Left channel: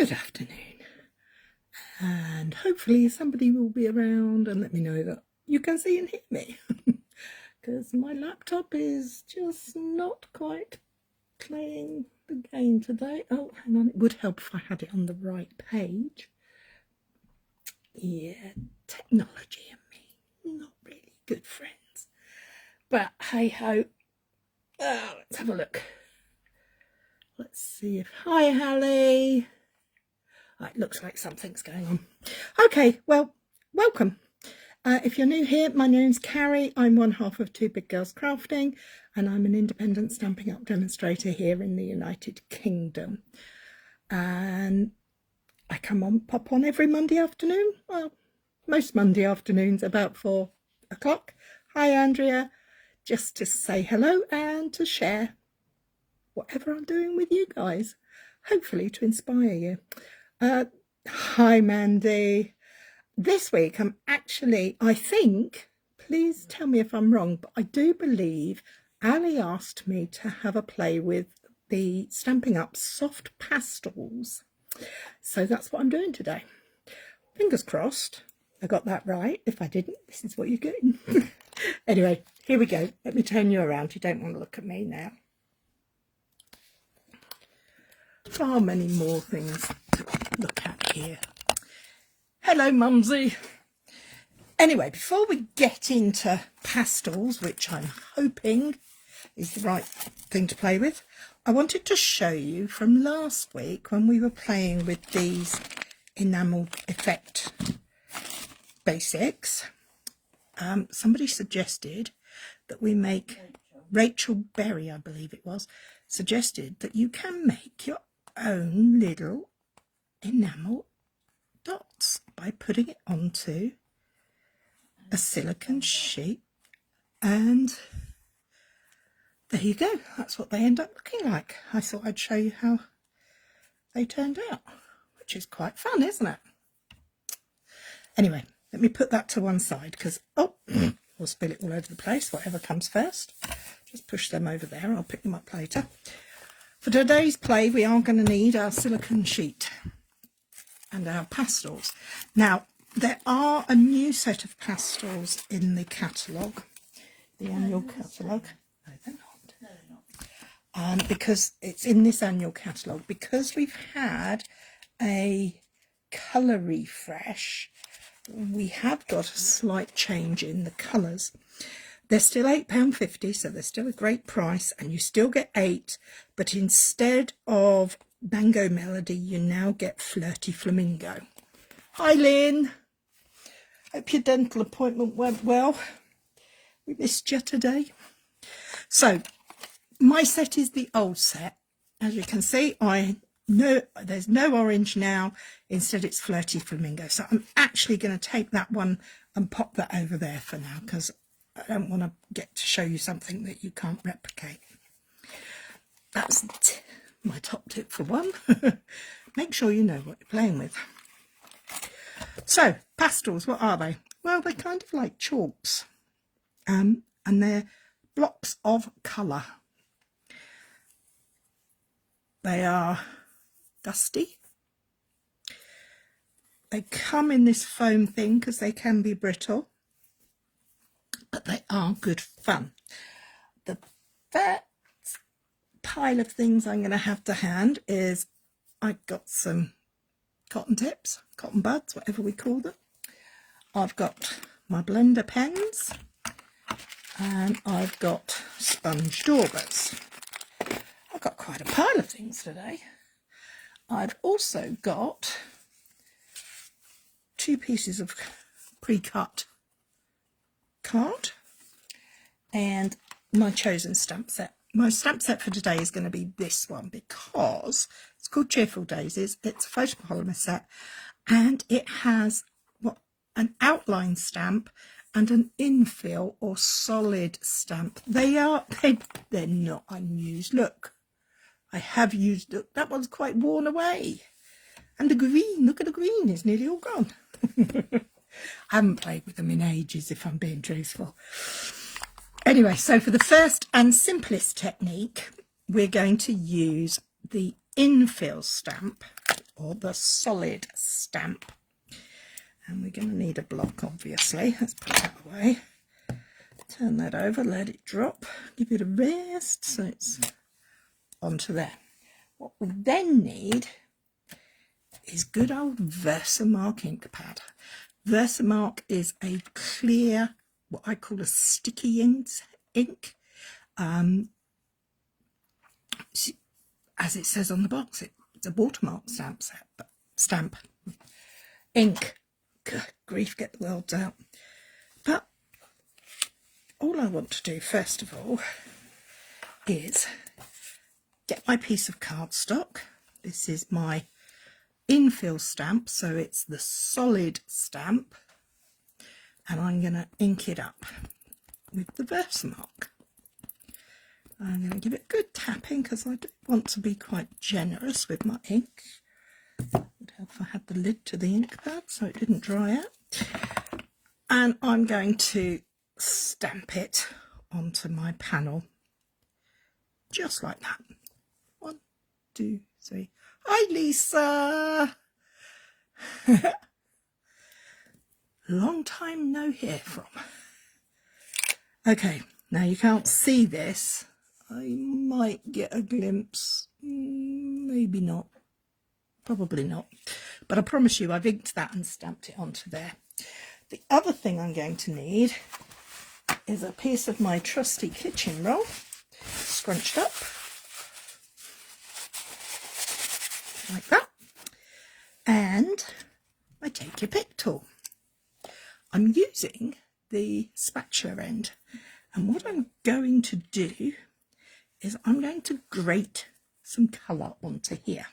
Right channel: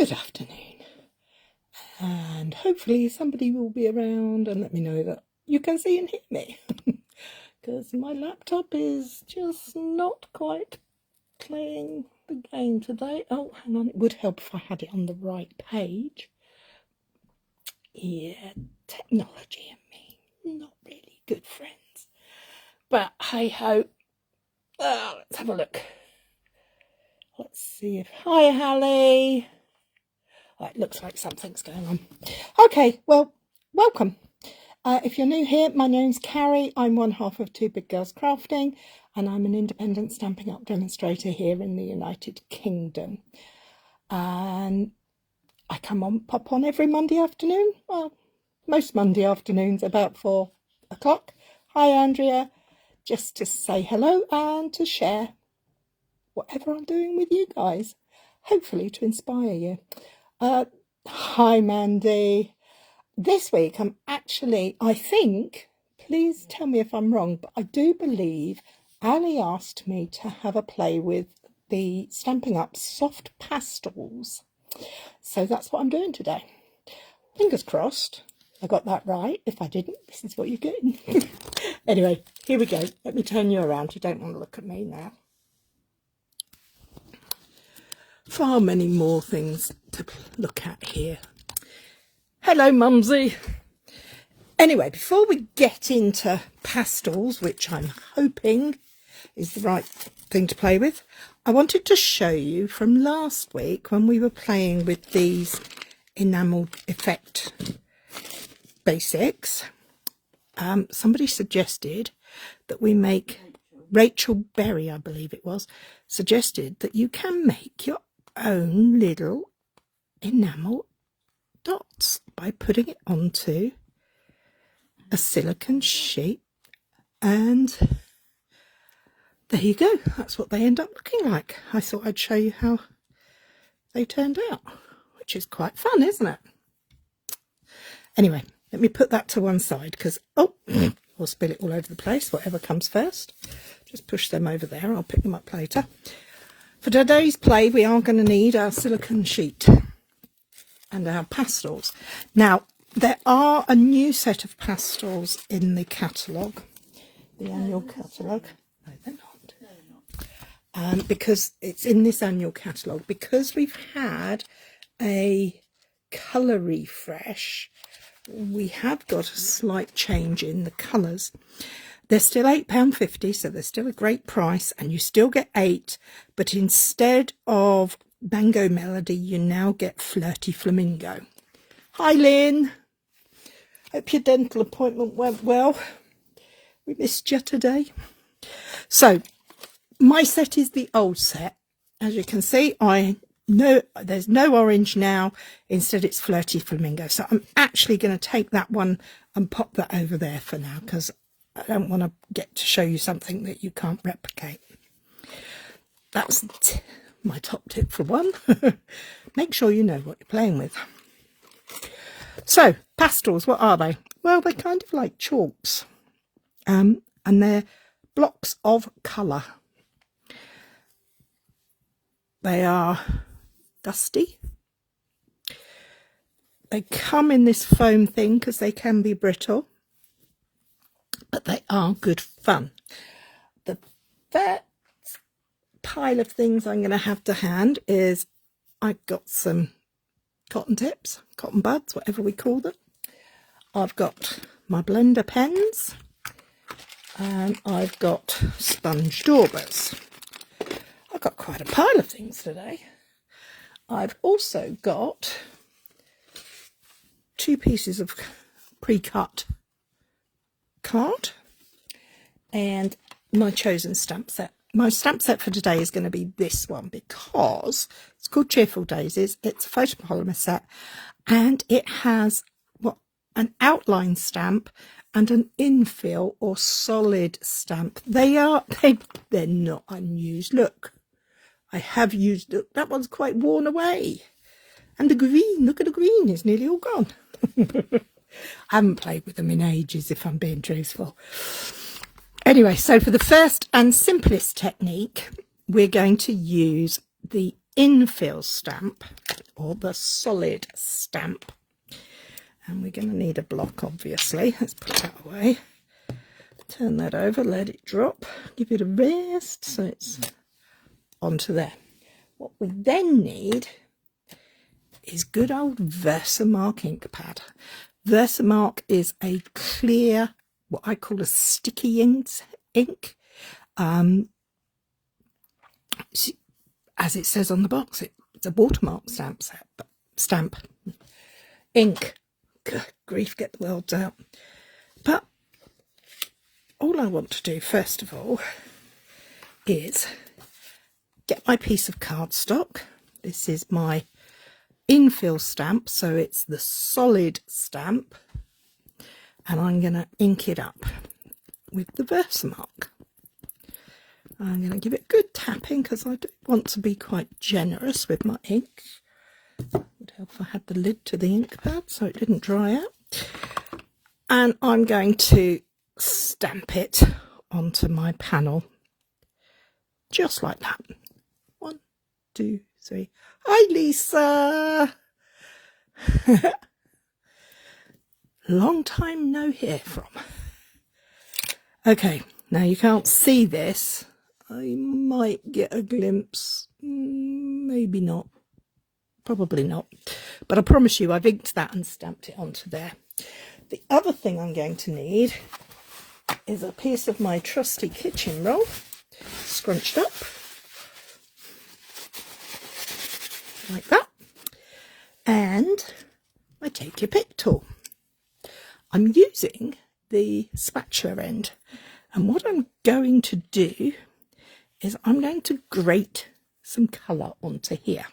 Good afternoon, and hopefully somebody will be around and let me know that you can see and hear me, because my laptop is just not quite playing the game today. Oh, hang on, it would help if I had it on the right page. Yeah, technology and me, not really good friends, but hey ho. Let's have a look. Let's see if... Hi, Hallie. It looks like something's going on. Okay, well, welcome. If you're new here, my name's Cary. I'm one half of Bog Girls Crafting, and I'm an independent Stampin' Up demonstrator here in the United Kingdom. And I pop on every Monday afternoon. Well, most Monday afternoons about 4 o'clock. Hi, Andrea. Just to say hello and to share whatever I'm doing with you guys. Hopefully to inspire you. Hi, Mandy. This week I'm actually, I think, please tell me if I'm wrong, but I do believe Ali asked me to have a play with the Stampin' Up soft pastels. So that's what I'm doing today. Fingers crossed I got that right. If I didn't, this is what you're getting. Anyway, here we go. Let me turn you around. You don't want to look at me now. Far many more things to look at here. Hello, Mumsy. Anyway, before we get into pastels, which I'm hoping is the right thing to play with, I wanted to show you from last week when we were playing with these enamel effect basics. Somebody suggested that we make, Rachel Berry, I believe it was, suggested that you can make your own little enamel dots by putting it onto a silicone sheet, and there you go. That's what they end up looking like. I thought I'd show you how they turned out, which is quite fun, isn't it? Anyway, let me put that to one side because, oh, we'll spill it all over the place, whatever comes first. Just push them over there. I'll pick them up later. For today's play, we are going to need our silicone sheet and our pastels. Now, there are a new set of pastels in the catalogue, the annual catalogue. No, they're not. No, they're not. Because it's in this annual catalogue, because we've had a colour refresh, we have got a slight change in the colours. They're still £8.50, so they're still a great price, and you still get 8, but instead of Mango Melody, you now get Flirty Flamingo. Hi, Lynn. Hope your dental appointment went well. We missed you today. So, my set is the old set. As you can see, I know there's no orange now. Instead, it's Flirty Flamingo. So, I'm actually going to take that one and pop that over there for now, because I don't want to get to show you something that you can't replicate. That's my top tip for one. Make sure you know what you're playing with. So, pastels, what are they? Well, they're kind of like chalks. And they're blocks of colour. They are dusty. They come in this foam thing because they can be brittle. But they are good fun. The first pile of things I'm going to have to hand is I've got some cotton tips, cotton buds, whatever we call them. I've got my blender pens, and I've got sponge daubers. I've got quite a pile of things today. I've also got 2 pieces of pre-cut card and my chosen stamp set. My stamp set for today is going to be this one because it's called Cheerful Daisies. It's a photopolymer set, and it has an outline stamp and an infill or solid stamp. They're not unused. Look, I have used it. That one's quite worn away, and the green, look at the green, is nearly all gone. I haven't played with them in ages, if I'm being truthful. Anyway, so for the first and simplest technique, we're going to use the infill stamp or the solid stamp. And we're going to need a block, obviously. Let's put that away. Turn that over, let it drop, give it a rest so it's onto there. What we then need is good old Versamark ink pad. Versamark is a clear, what I call a sticky ink. As it says on the box, it's a watermark stamp ink. Good grief, get the words out. But all I want to do first of all is get my piece of cardstock. This is my infill stamp, so it's the solid stamp, and I'm going to ink it up with the Versamark. I'm going to give it a good tapping because I do want to be quite generous with my ink. It would help if I had the lid to the ink pad so it didn't dry out. And I'm going to stamp it onto my panel just like that. 1, 2, 3. Hi, Lisa. Long time no hear from. Okay, now you can't see this. I might get a glimpse, maybe not, probably not, but I promise you I've inked that and stamped it onto there. The other thing I'm going to need is a piece of my trusty kitchen roll, scrunched up, like that, and my take your pick tool. I'm using the spatula end, and what I'm going to do is I'm going to grate some colour onto here.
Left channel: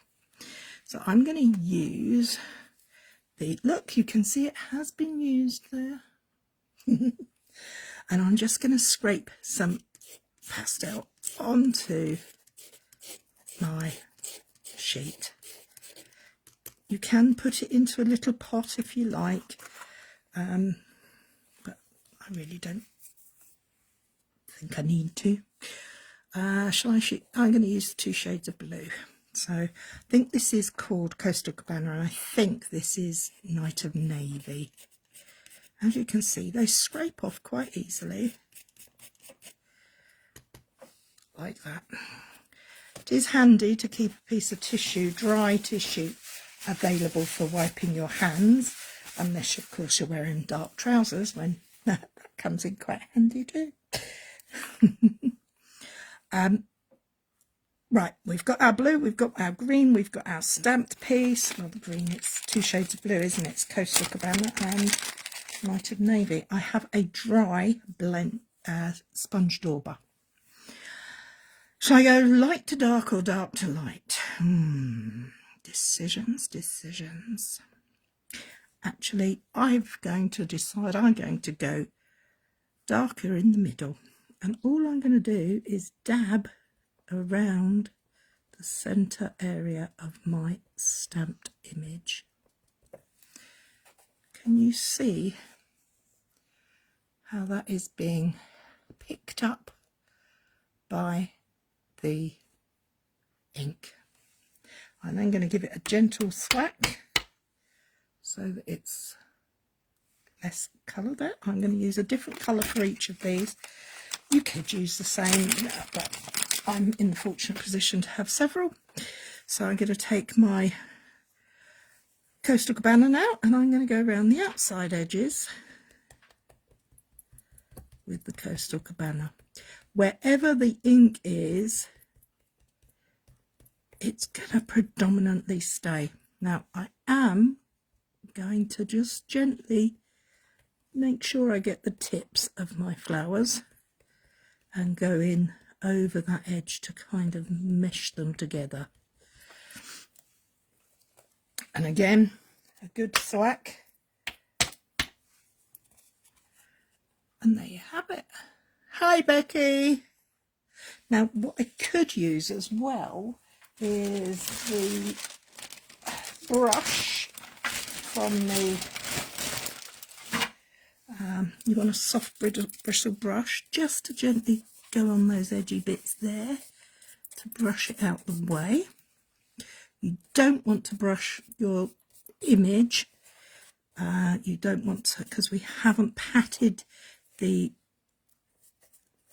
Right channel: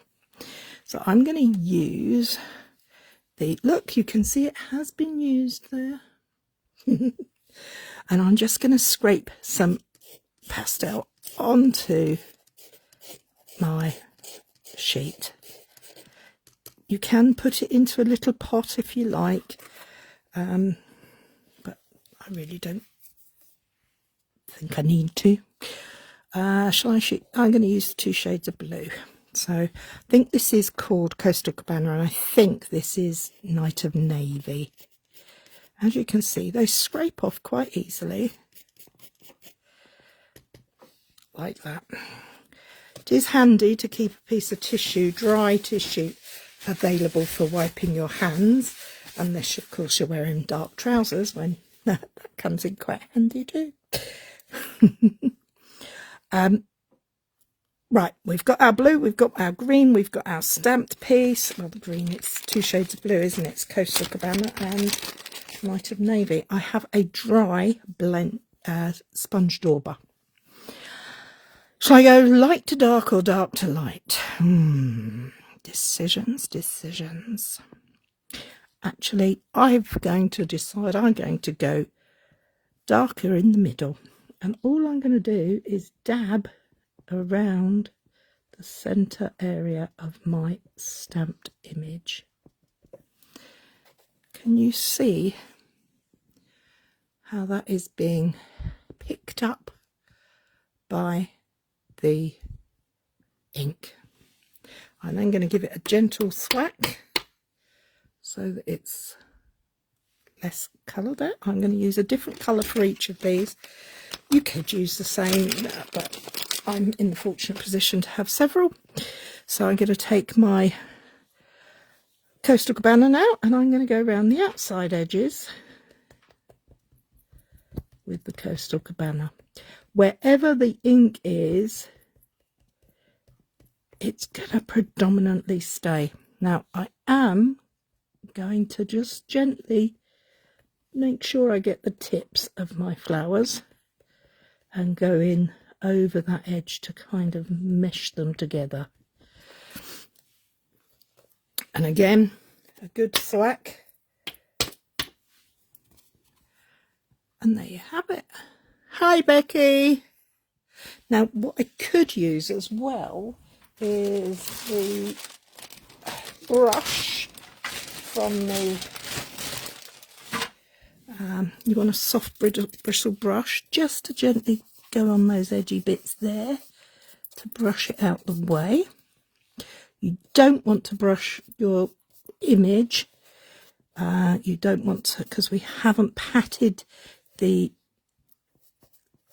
So I'm going to use the, look, you can see it has been used there. And I'm just going to scrape some pastel onto my sheet. You can put it into a little pot if you like, but I really don't think I need to. Shall I shoot? I'm going to use 2 shades of blue. So I think this is called Coastal Cabana, and I think this is Night of Navy. As you can see, they scrape off quite easily, like that. It is handy to keep a piece of tissue, dry tissue, available for wiping your hands, unless of course you're wearing dark trousers, when that comes in quite handy too. Right, we've got our blue, we've got our green, we've got our stamped piece. Well, the green, it's 2 shades of blue, isn't it? It's Coastal Cabana and Night of Navy. I have a dry blend sponge dauber. Shall I go light to dark or dark to light? Decisions. Actually, I'm going to decide I'm going to go darker in the middle. And all I'm going to do is dab around the centre area of my stamped image. Can you see how that is being picked up by the ink? I'm then going to give it a gentle thwack so that it's less coloured out. I'm going to use a different colour for each of these. You could use the same, but I'm in the fortunate position to have several. So I'm going to take my Coastal Cabana now, and I'm going to go around the outside edges with the Coastal Cabana. Wherever the ink is, it's going to predominantly stay. Now I am going to just gently make sure I get the tips of my flowers and go in over that edge to kind of mesh them together. And again, a good thwack. And there you have it. Hi, Becky. Now, what I could use as well is the brush from the you want a soft bristle brush just to gently go on those edgy bits there to brush it out the way. You don't want to brush your image. You don't want to, because we haven't patted the,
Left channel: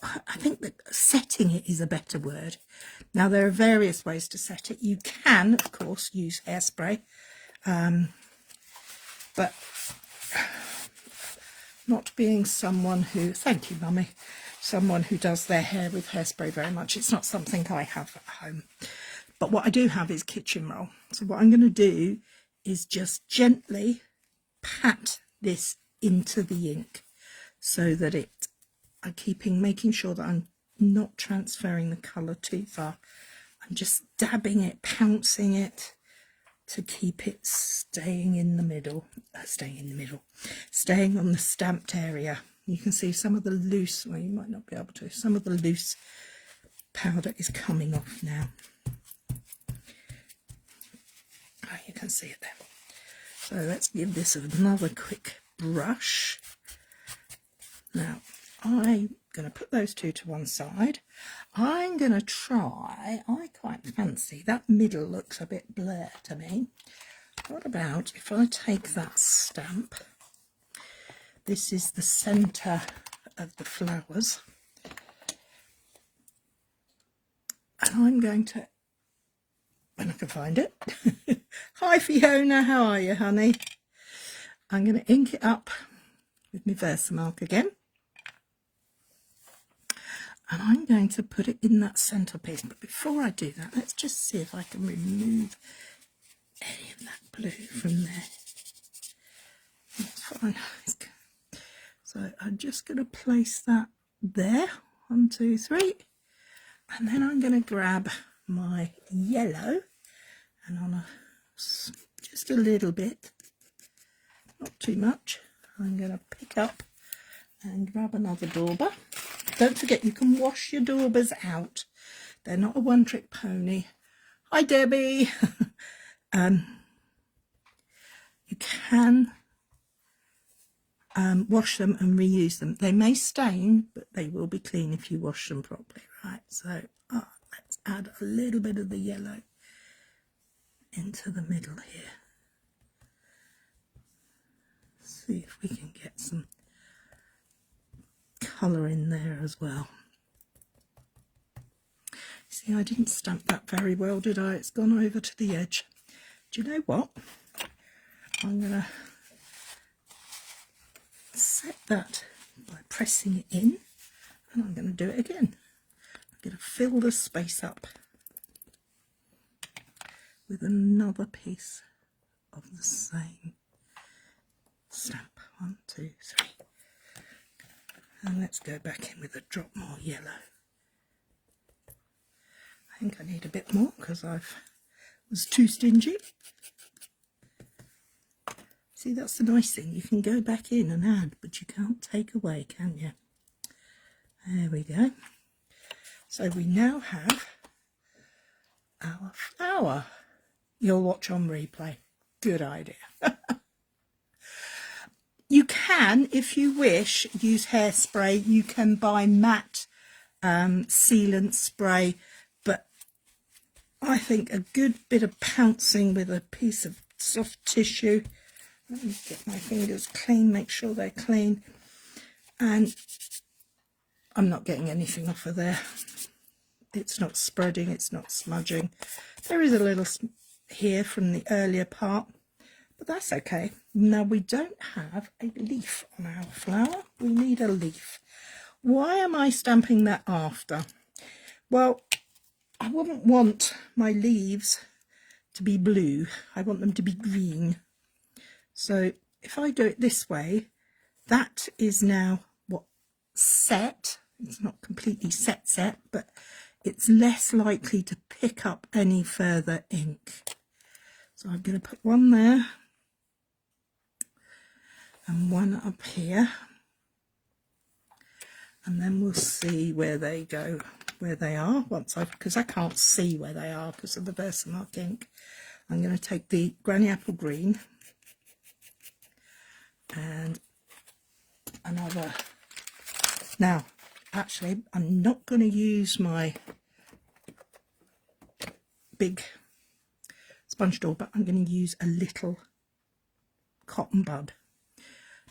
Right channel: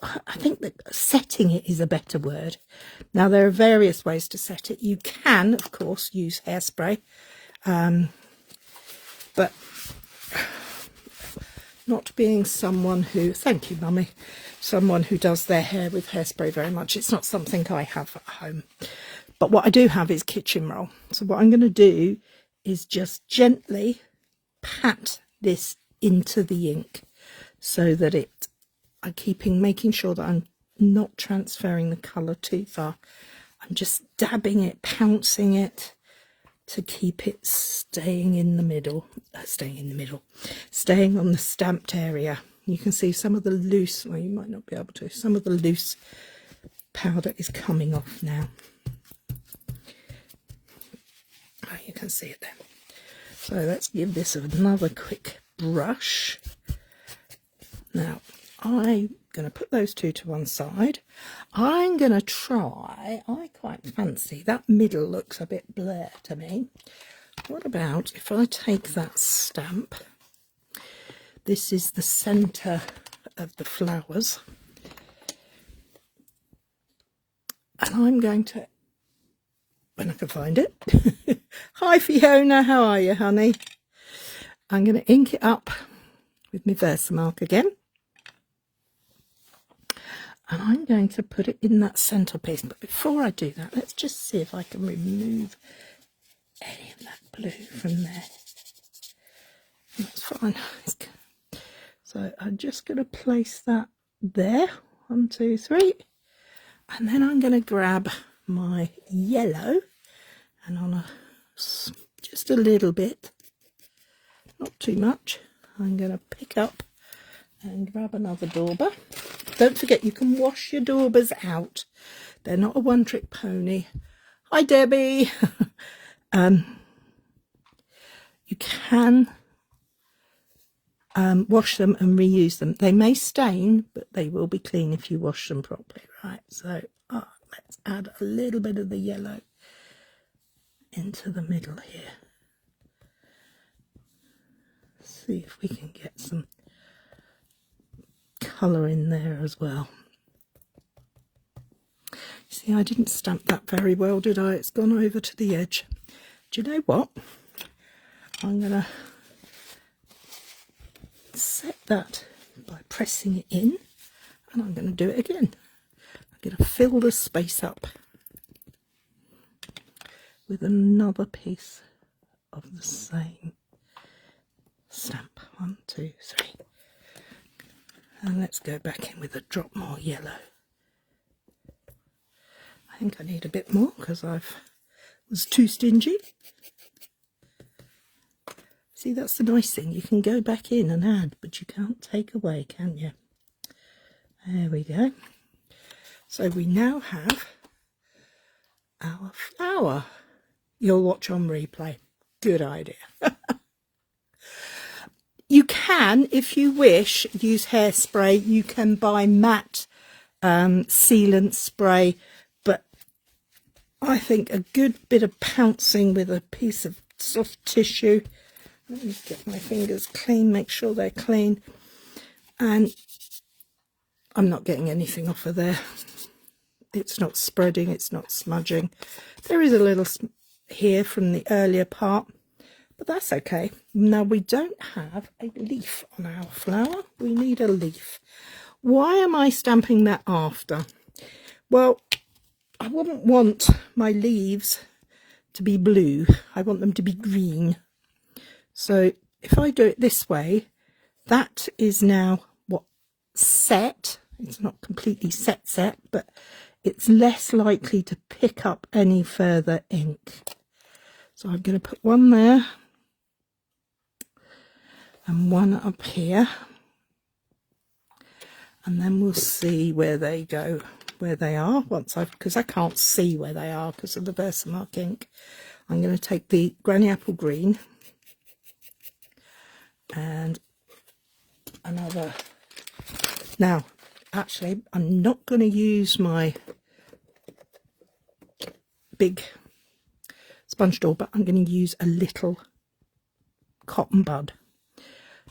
I think that setting it is a better word. Now, there are various ways to set it. You can, of course, use hairspray, but not being someone who, thank you, Mummy, someone who does their hair with hairspray very much, it's not something I have at home. But what I do have is kitchen roll. So what I'm going to do is just gently pat this into the ink so that I'm making sure that I'm not transferring the colour too far. I'm just dabbing it, pouncing it to keep it staying on the stamped area. You can see some of the loose, well, you might not be able to, some of the loose powder is coming off now. Oh, you can see it there. So let's give this another quick brush. Now, I'm going to put those two to one side. I'm going to try, I quite fancy, that middle looks a bit blurred to me. What about if I take that stamp, this is the centre of the flowers, and I'm going to, when I can find it, hi Fiona, how are you, honey? I'm going to ink it up with my Versamark again. And I'm going to put it in that centerpiece. But before I do that, let's just see if I can remove any of that blue from there. That's fine. So I'm just going to place that there. 1, 2, 3. And then I'm going to grab my yellow and on just a little bit, not too much, I'm going to pick up and grab another dauber. Don't forget, you can wash your daubers out. They're not a one-trick pony. Hi, Debbie. You can wash them and reuse them. They may stain, but they will be clean if you wash them properly, right? So let's add a little bit of the yellow into the middle here. See if we can get some colour in there as well. See, I didn't stamp that very well, did I? It's gone over to the edge. Do you know what? I'm going to set that by pressing it in, and I'm going to do it again. I'm going to fill the space up with another piece of the same stamp. 1, 2, 3. And let's go back in with a drop more yellow. I think I need a bit more because I was too stingy. See, that's the nice thing. You can go back in and add, but you can't take away, can you? There we go. So we now have our flower. You'll watch on replay. Good idea. You can, if you wish, use hairspray. You can buy matte sealant spray, but I think a good bit of pouncing with a piece of soft tissue. Let me get my fingers clean, make sure they're clean. And I'm not getting anything off of there. It's not spreading, it's not smudging. There is a little here from the earlier part, but that's okay. Now, we don't have a leaf on our flower. We need a leaf. Why am I stamping that after? Well, I wouldn't want my leaves to be blue. I want them to be green. So if I do it this way, that is now what set. It's not completely set, but it's less likely to pick up any further ink. So I'm going to put one there and one up here, and then we'll see where they go, where they are once because I can't see where they are because of the Versamark ink. I'm going to take the Granny Apple Green and another. Now, actually, I'm not going to use my big sponge door, but I'm going to use a little cotton bud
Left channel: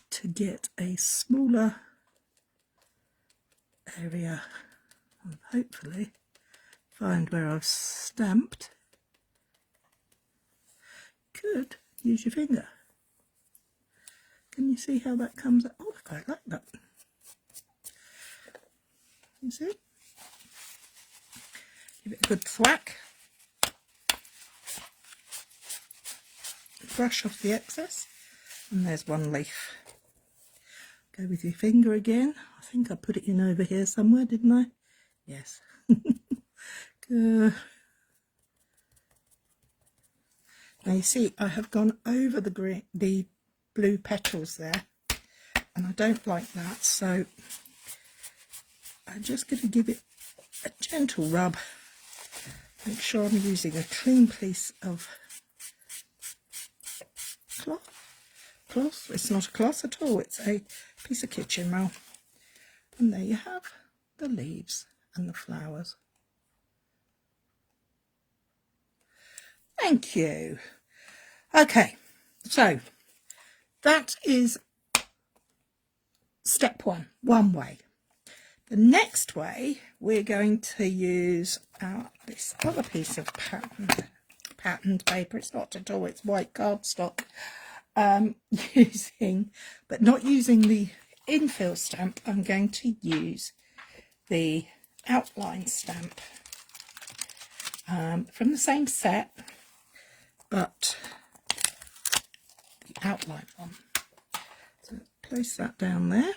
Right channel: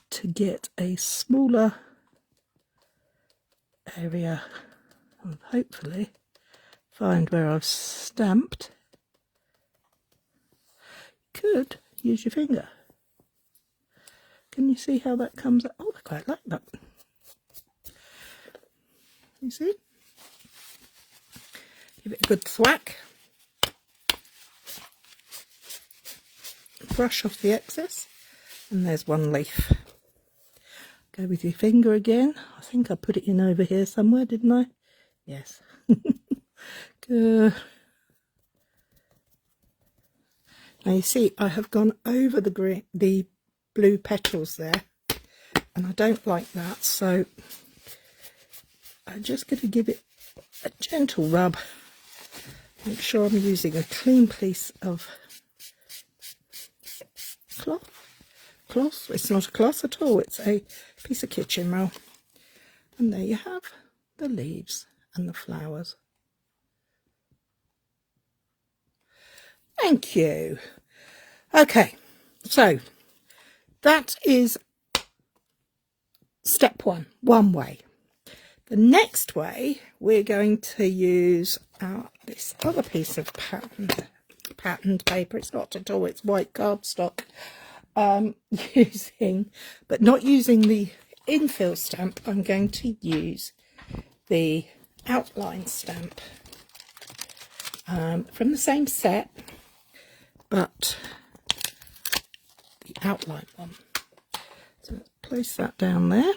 to get a smaller area and hopefully find where I've stamped. Could use your finger. Can you see how that comes up? Oh, I quite like that. You see? Give it a good thwack. Brush off the excess. And there's one leaf. Go with your finger again. I think I put it in over here somewhere, didn't I? Yes. Good. Now you see, I have gone over the blue petals there, and I don't like that, so I'm just going to give it a gentle rub. Make sure I'm using a clean piece of cloth. It's not a cloth at all, it's a piece of kitchen roll. And there you have the leaves and the flowers. Thank you. Okay, so that is step one way. The next way, we're going to use this other piece of patterned paper. It's not at all, it's white cardstock. But not using the infill stamp, I'm going to use the outline stamp from the same set, but the outline one. So let's place that down there.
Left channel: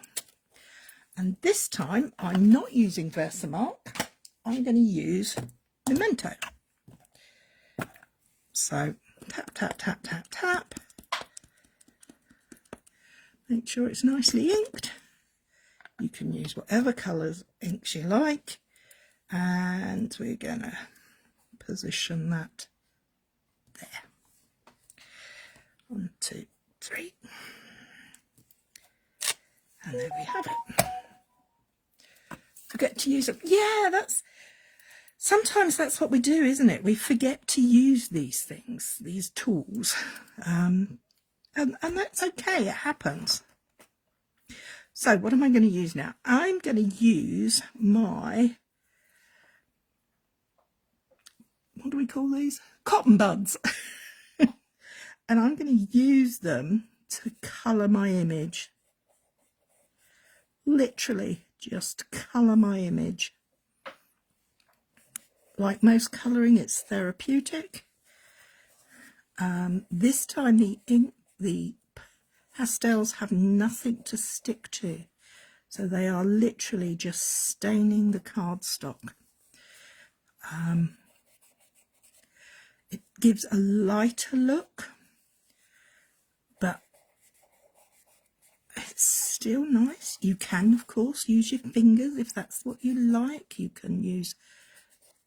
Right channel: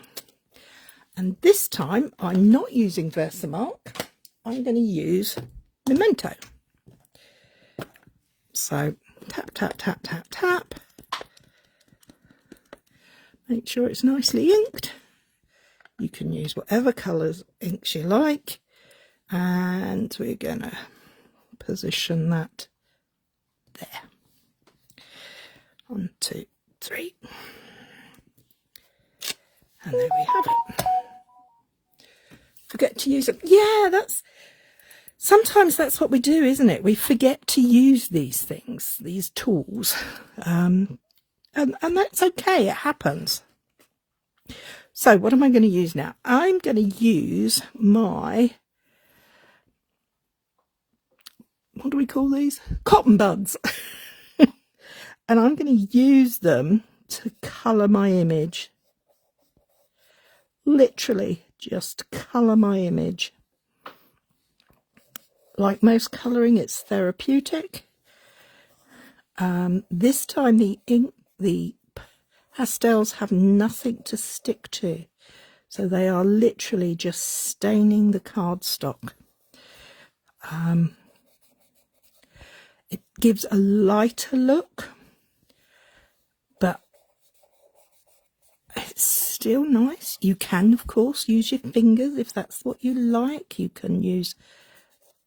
And this time I'm not using Versamark, I'm going to use Memento. So tap, tap, tap, tap, tap. Make sure it's nicely inked. You can use whatever colours inks you like. And we're going to position that there. 1, 2, 3. And there we have it. Forget to use it. Yeah, sometimes that's what we do, isn't it? We forget to use these things, these tools. And that's okay, it happens. So what am I going to use now? I'm going to use my, what do we call these? Cotton buds. And I'm going to use them to colour my image. Literally just colour my image. Like most colouring, it's therapeutic. This time the pastels have nothing to stick to, so they are literally just staining the cardstock. It gives a lighter look, but it's still nice. You can, of course, use your fingers if that's what you like. You can use,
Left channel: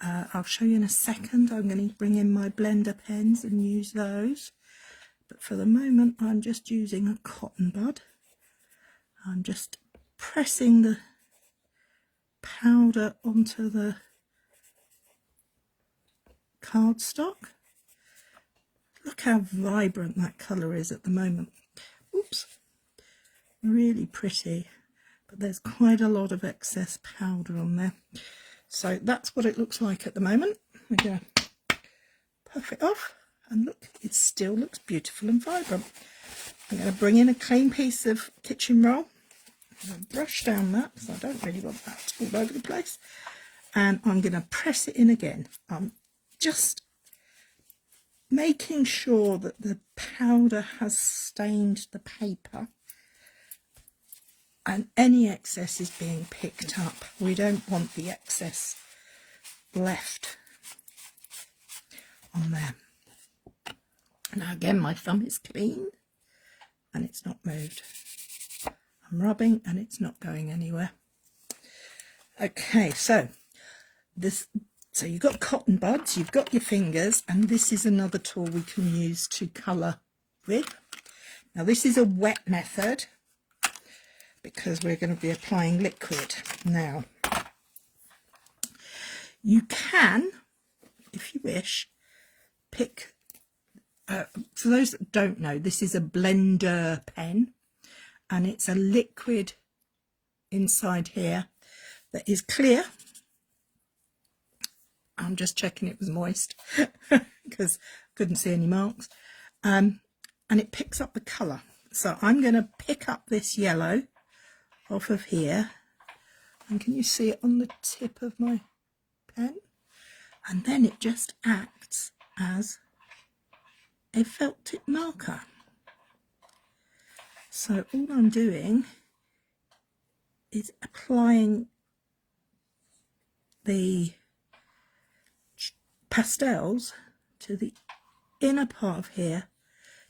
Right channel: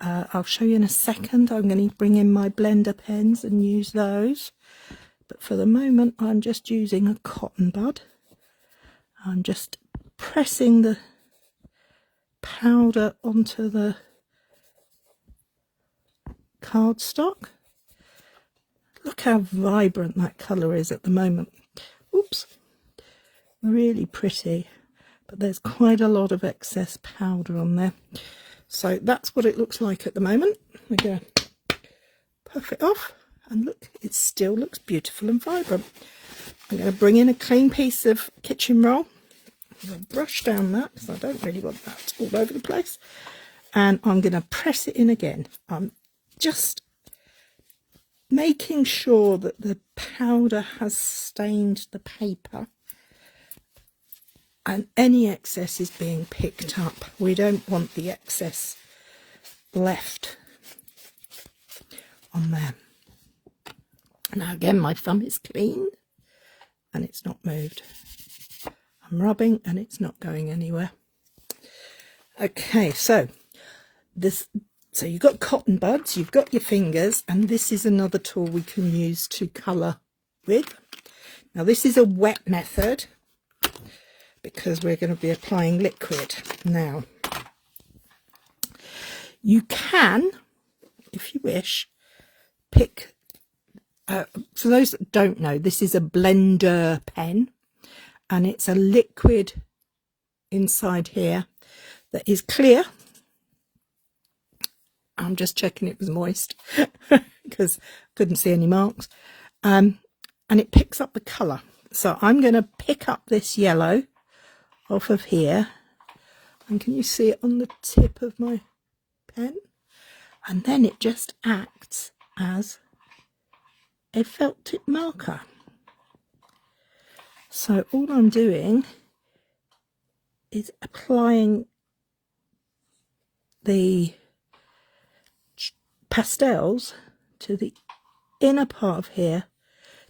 I'll show you in a second, I'm going to bring in my blender pens and use those. But for the moment, I'm just using a cotton bud. I'm just pressing the powder onto the cardstock. Look how vibrant that colour is at the moment. Oops. Really pretty. But there's quite a lot of excess powder on there. So that's what it looks like at the moment. We're going to puff it off. And look, it still looks beautiful and vibrant. I'm going to bring in a clean piece of kitchen roll. I'm going to brush down that because I don't really want that all over the place. And I'm going to press it in again. I'm just making sure that the powder has stained the paper and any excess is being picked up. We don't want the excess left on there. Now again, my thumb is clean and it's not moved. I'm rubbing and it's not going anywhere. Okay, so you've got cotton buds, you've got your fingers, and this is another tool we can use to colour with. Now this is a wet method because we're going to be applying liquid. Now, you can, if you wish, pick for those that don't know, this is a blender pen, and it's a liquid inside here that is clear. I'm just checking it was moist because I couldn't see any marks. And it picks up the colour. So I'm going to pick up this yellow off of here. And can you see it on the tip of my pen? And then it just acts as a felt tip marker. So all I'm doing is applying the pastels to the inner part of here,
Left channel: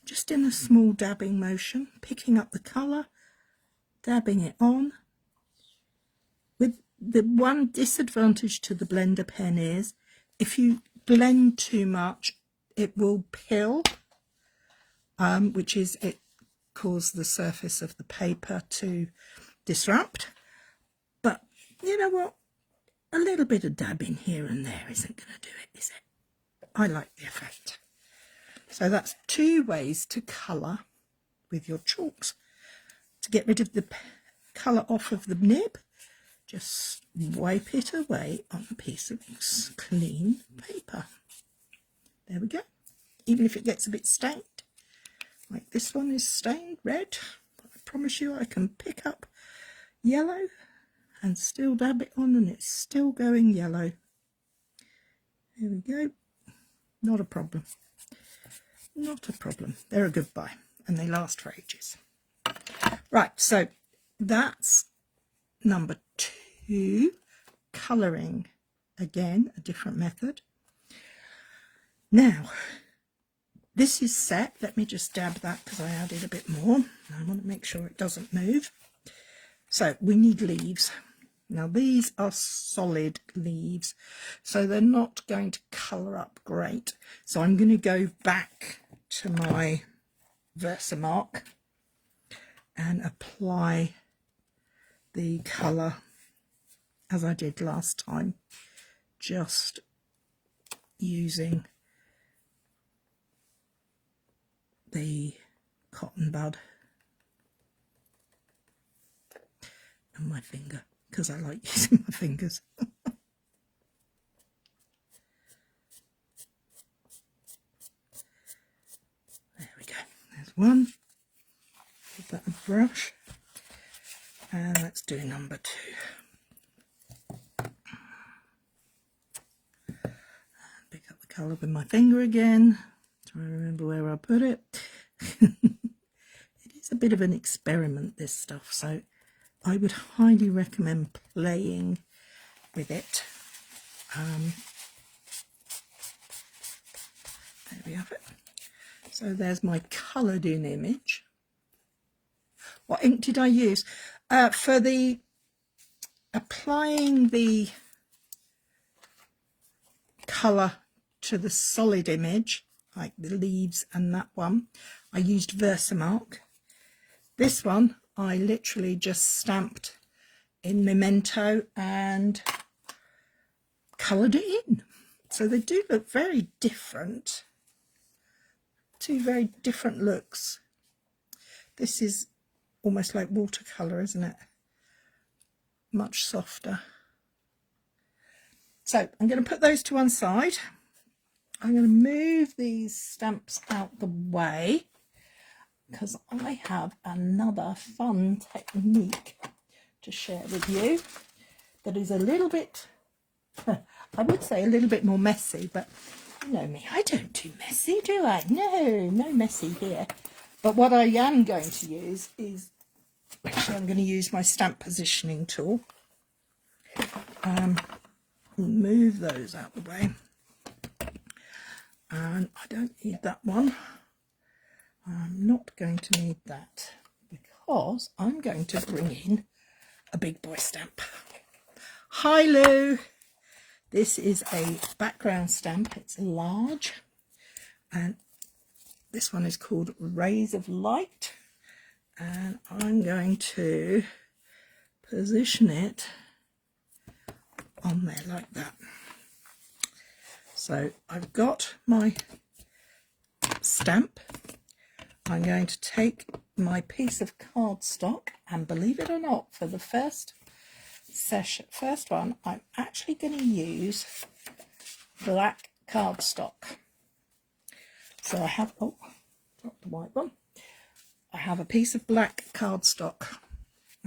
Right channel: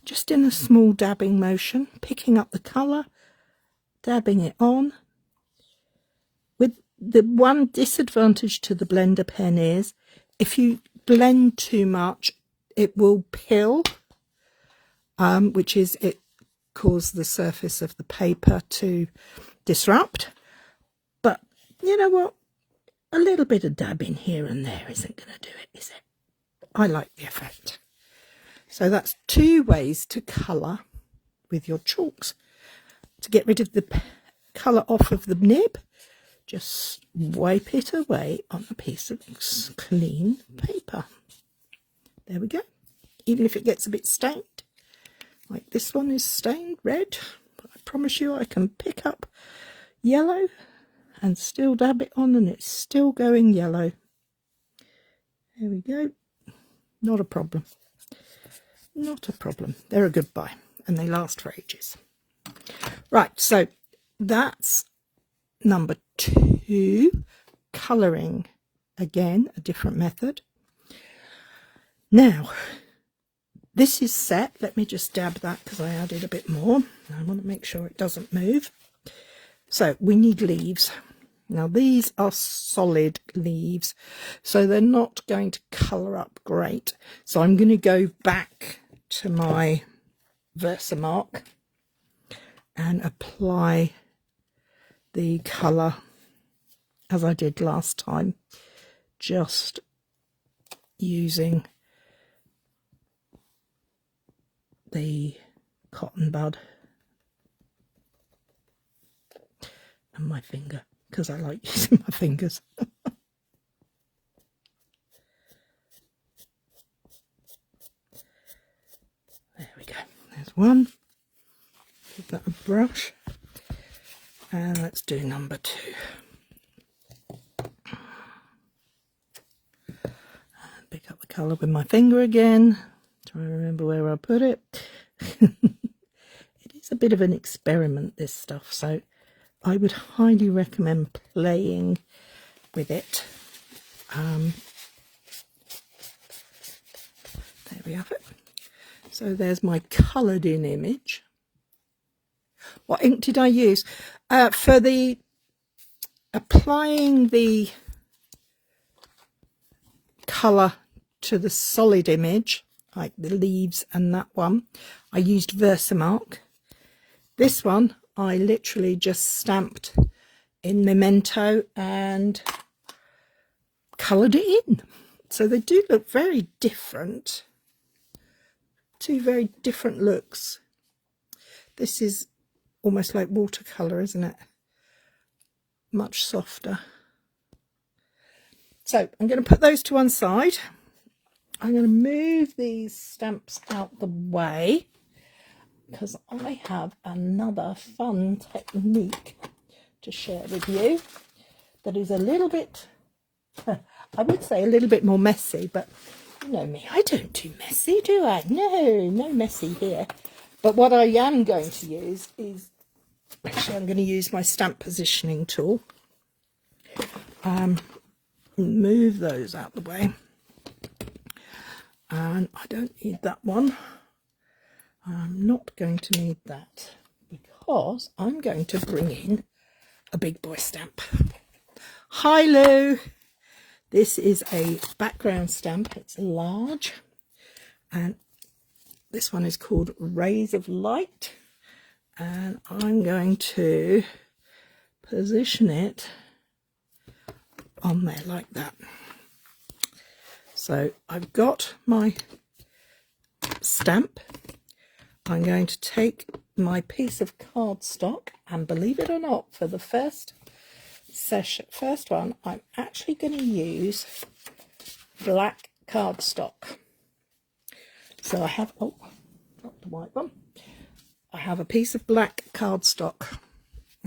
just in a small dabbing motion, picking up the colour, dabbing it on. With the one disadvantage to the blender pen is if you blend too much, it will pill, which is it causes the surface of the paper to disrupt. But you know what? A little bit of dabbing here and there isn't going to do it, is it? I like the effect. So that's 2 ways to colour with your chalks. To get rid of the colour off of the nib, just wipe it away on a piece of clean paper. There we go. Even if it gets a bit stained, like this one is stained red, but I promise you I can pick up yellow and still dab it on and it's still going yellow. There we go. Not a problem. Not a problem. They're a good buy and they last for ages. Right, so that's number 2, colouring. Again, a different method. Now, this is set. Let me just dab that because I added a bit more. I want to make sure it doesn't move. So we need leaves. Now these are solid leaves, so they're not going to colour up great. So I'm going to go back to my Versamark and apply the colour as I did last time, just using the cotton bud and my finger, because I like using my fingers. There we go. There's one. Give that a brush. And let's do number 2. Pick up the colour with my finger again. Try to remember where I put it. It is a bit of an experiment, this stuff, so I would highly recommend playing with it. There we have it. So there's my coloured in image. What ink did I use? For the applying the colour to the solid image, like the leaves and that one, I used Versamark. This one I literally just stamped in Memento and coloured it in. So they do look very different. 2 very different looks. This is almost like watercolour, isn't it? Much softer. So I'm going to put those to one side. I'm going to move these stamps out the way because I have another fun technique to share with you that is a little bit, I would say a little bit more messy, but you know me, I don't do messy, do I? No messy here. But what I am going to use is, actually I'm going to use my stamp positioning tool. Move those out the way. And I don't need that one. I'm not going to need that because I'm going to bring in a big boy stamp. Hi Lou! This is a background stamp. It's large. And this one is called Rays of Light. And I'm going to position it on there like that. So I've got my stamp. I'm going to take my piece of cardstock, and believe it or not, for the first one, I'm actually going to use black cardstock. So I have, oh, not the white one. I have a piece of black cardstock.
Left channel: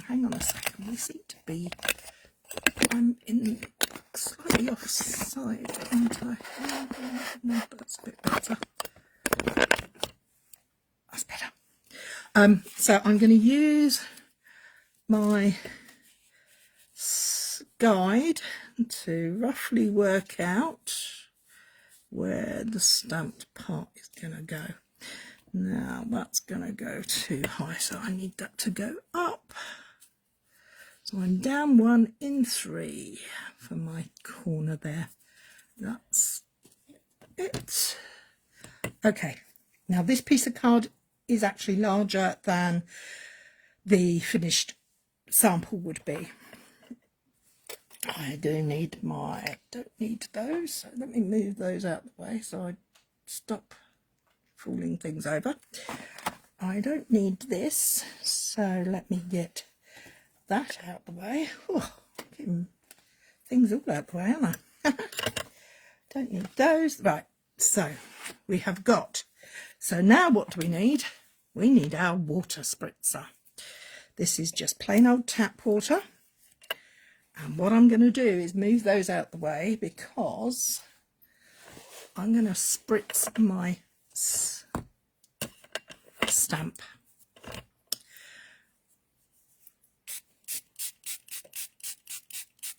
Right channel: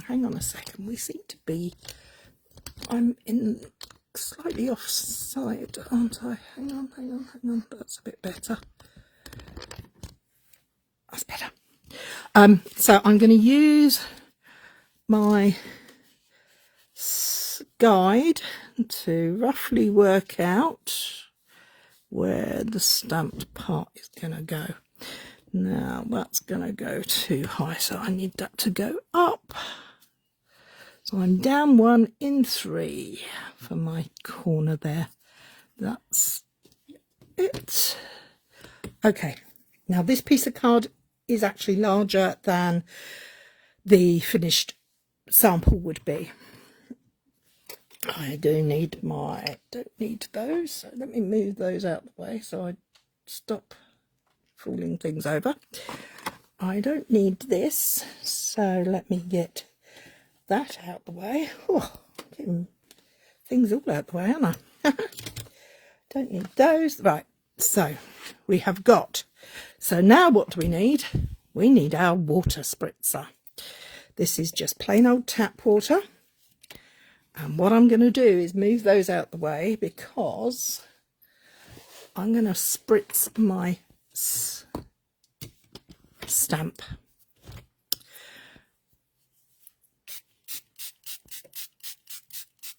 Hang on a second, we seem to be, I'm in slightly offside, aren't I? That's a bit better. That's better. So I'm going to use my guide to roughly work out where the stamped part is going to go. Now that's going to go too high, so I need that to go up. So I'm down 1 in 3 for my corner there. That's it. Okay, now this piece of card is actually larger than the finished sample would be. I don't need those, so let me move those out of the way so I stop falling things over. I don't need this, so let me get that out the way. Oh, getting things all out the way, aren't I? Don't need those. Right, so we have got, so now what do we need? We need our water spritzer. This is just plain old tap water, and what I'm going to do is move those out the way because I'm going to spritz my stamp.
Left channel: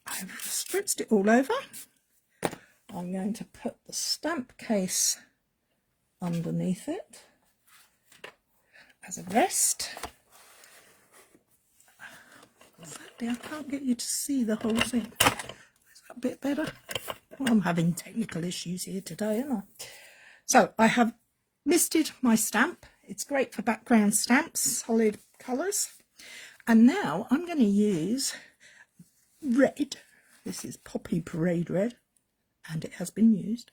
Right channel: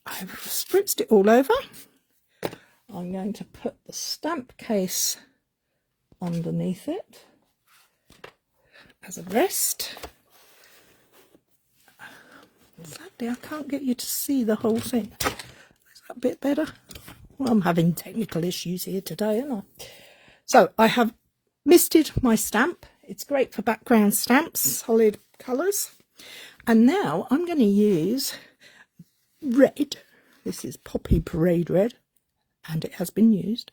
I've spritzed it all over. I'm going to put the stamp case underneath it as a rest. Sadly, I can't get you to see the whole thing. Is that a bit better? Well, I'm having technical issues here today, aren't I? So I have misted my stamp. It's great for background stamps, solid colours. And now I'm going to use red. This is Poppy Parade Red, and it has been used.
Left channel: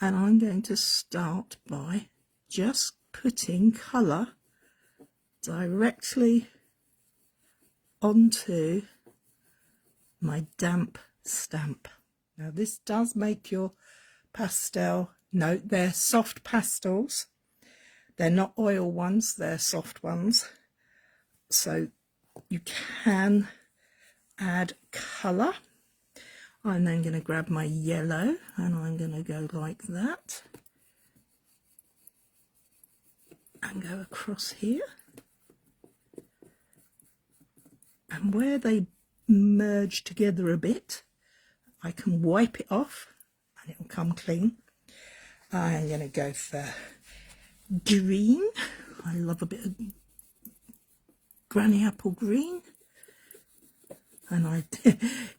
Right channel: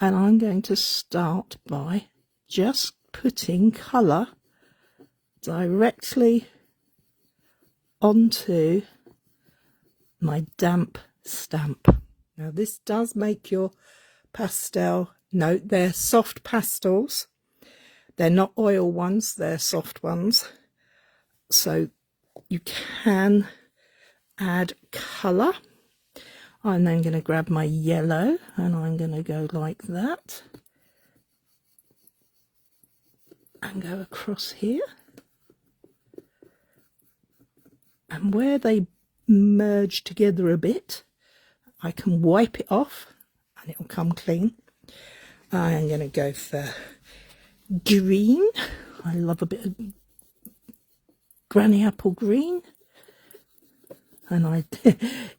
And I'm going to start by just putting colour directly onto my damp stamp. Now this does make your pastel, note they're soft pastels, they're not oil ones, they're soft ones, so you can add colour. I'm then going to grab my yellow and I'm going to go like that and go across here, and where they merge together a bit I can wipe it off and it will come clean. I'm going to go for green. I love a bit of granny apple green. And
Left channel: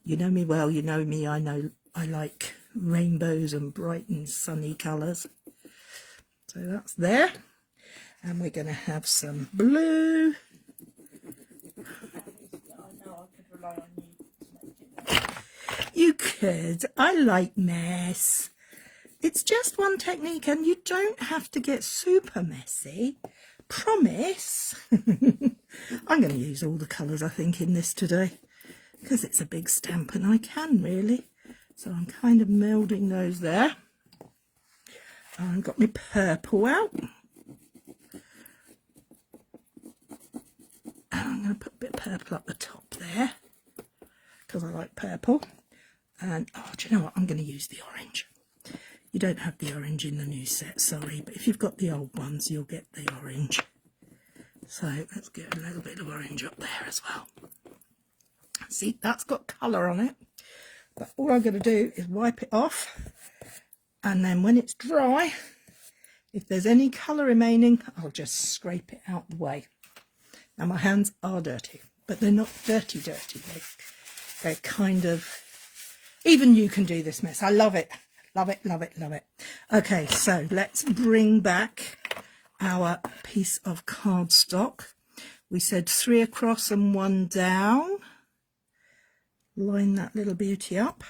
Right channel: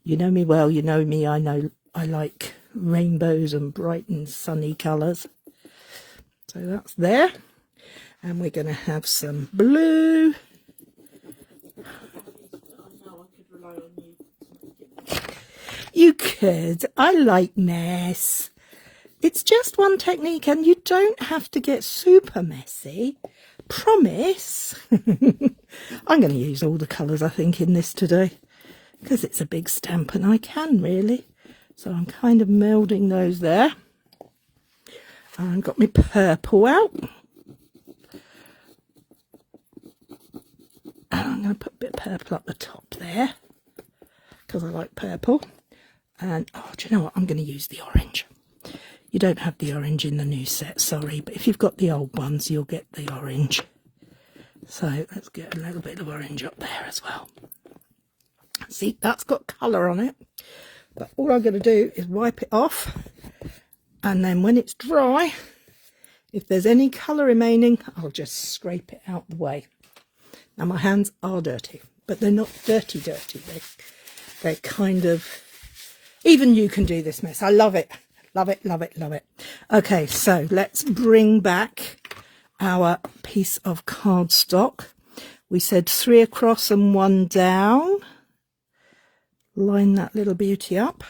you know me well, you know me, I know I like rainbows and bright and sunny colours. So that's there. And we're going to have some blue. You could. I like mess. It's just one technique and you don't have to get super messy. Promise. I'm going to use all the colours I think in this today, because it's a big stamp and I can really. So I'm kind of melding those there. And I've got my purple out. And I'm going to put a bit of purple up the top there, because I like purple. And, oh, do you know what? I'm going to use the orange. You don't have the orange in the new set, sorry. But if you've got the old ones, you'll get the orange. So let's get a little bit of orange up there as well. See, that's got colour on it. But all I'm going to do is wipe it off. And then when it's dry, if there's any colour remaining, I'll just scrape it out the way. Now my hands are dirty, but they're not dirty. They're kind of, even you can do this mess. I love it. Love it, love it, love it. Okay, so let's bring back our piece of cardstock. We said 3 across and 1 down. Line that little beauty up.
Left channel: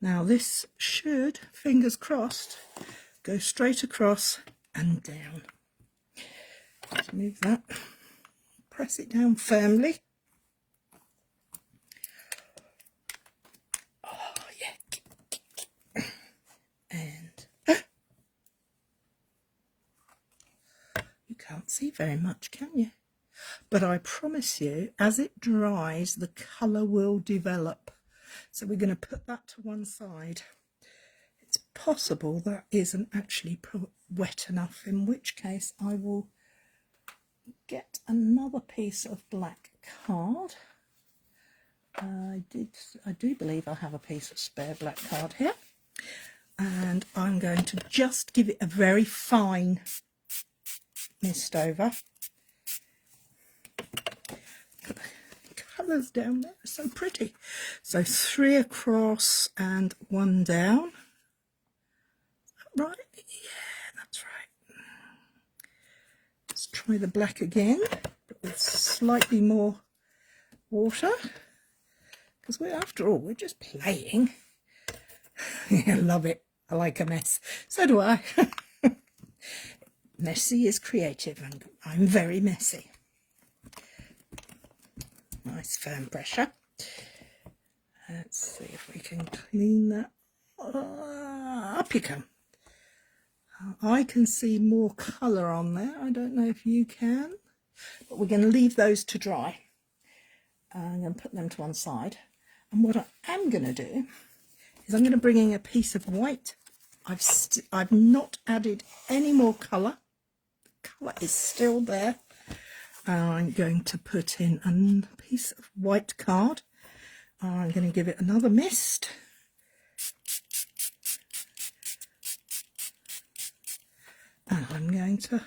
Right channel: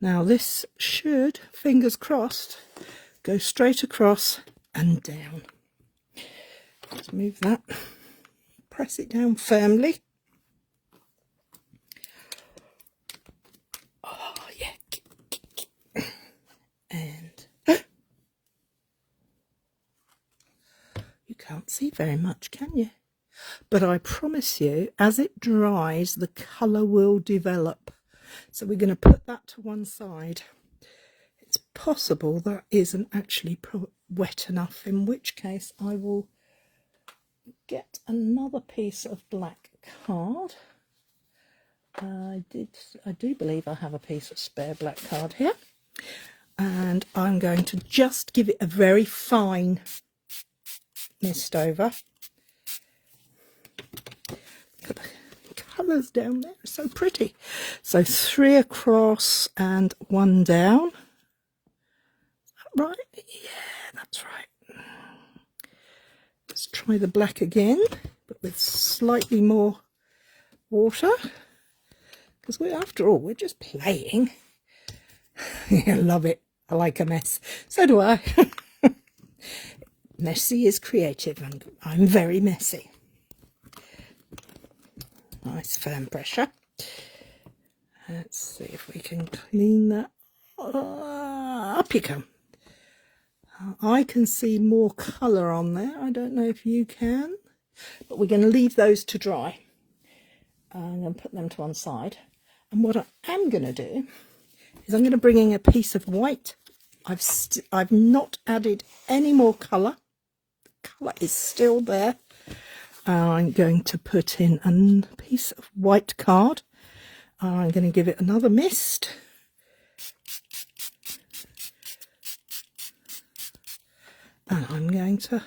Now this should, fingers crossed, go straight across and down. Let's move that. Press it down firmly. Oh, yeah. And you can't see very much, can you? But I promise you, as it dries, the colour will develop. So we're going to put that to one side. It's possible that isn't actually wet enough, in which case I will get another piece of black card. I do believe I have a piece of spare black card here. And I'm going to just give it a very fine mist over. Look at the colours down there, are so pretty. So 3 across and 1 down. Is that right? Yeah, that's right. Let's try the black again, but with slightly more water. Because after all, we're just playing. I love it. I like a mess. So do I. Messy is creative, and I'm very messy. Nice firm pressure. Let's see if we can clean that. Up you come. I can see more colour on there. I don't know if you can. But we're going to leave those to dry. I'm going to put them to one side. And what I am going to do is I'm going to bring in a piece of white. I've not added any more colour. The colour is still there. I'm going to put in a piece of white card. I'm going to give it another mist. And I'm going to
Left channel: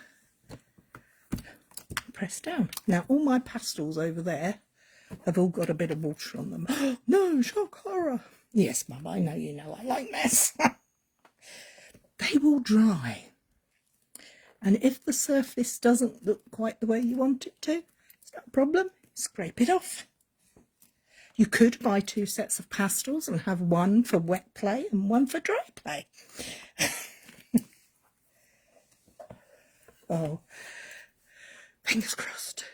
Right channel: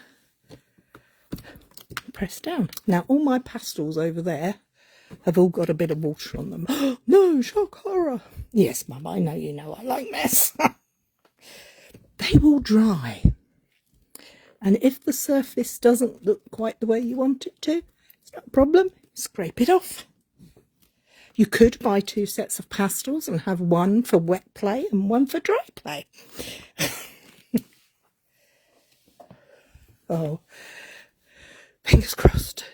press down. Now all my pastels over there have all got a bit of water on them. No, shock horror. Yes, Mum, I know you know I like mess. They will dry. And if the surface doesn't look quite the way you want it to, it's not a problem. Scrape it off. You could buy 2 sets of pastels and have one for wet play and one for dry play. Oh, fingers crossed.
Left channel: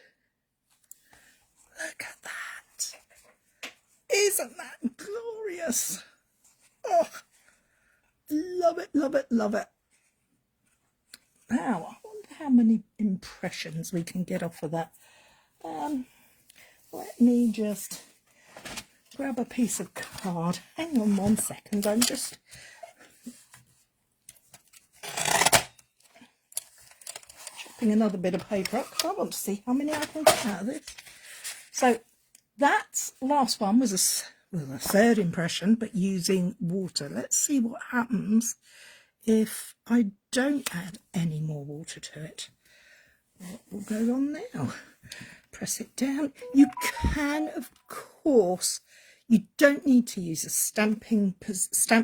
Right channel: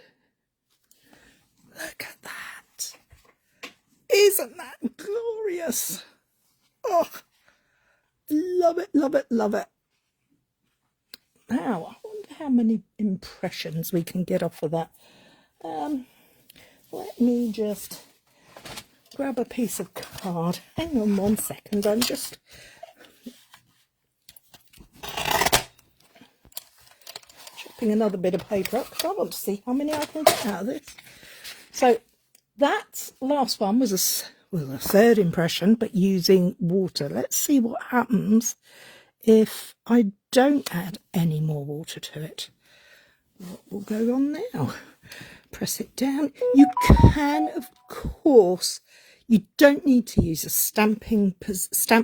Look at that. Isn't that glorious? Oh, love it, love it, love it. Now, I wonder how many impressions we can get off of that. Let me just grab a piece of card. Hang on 1 second, I'm just chopping another bit of paper up because I want to see how many I can get out of this. So that last one was a 3rd impression, but using water. Let's see what happens if I don't add any more water to it. What will go on now? Press it down. You can, of course, you don't need to use a stamp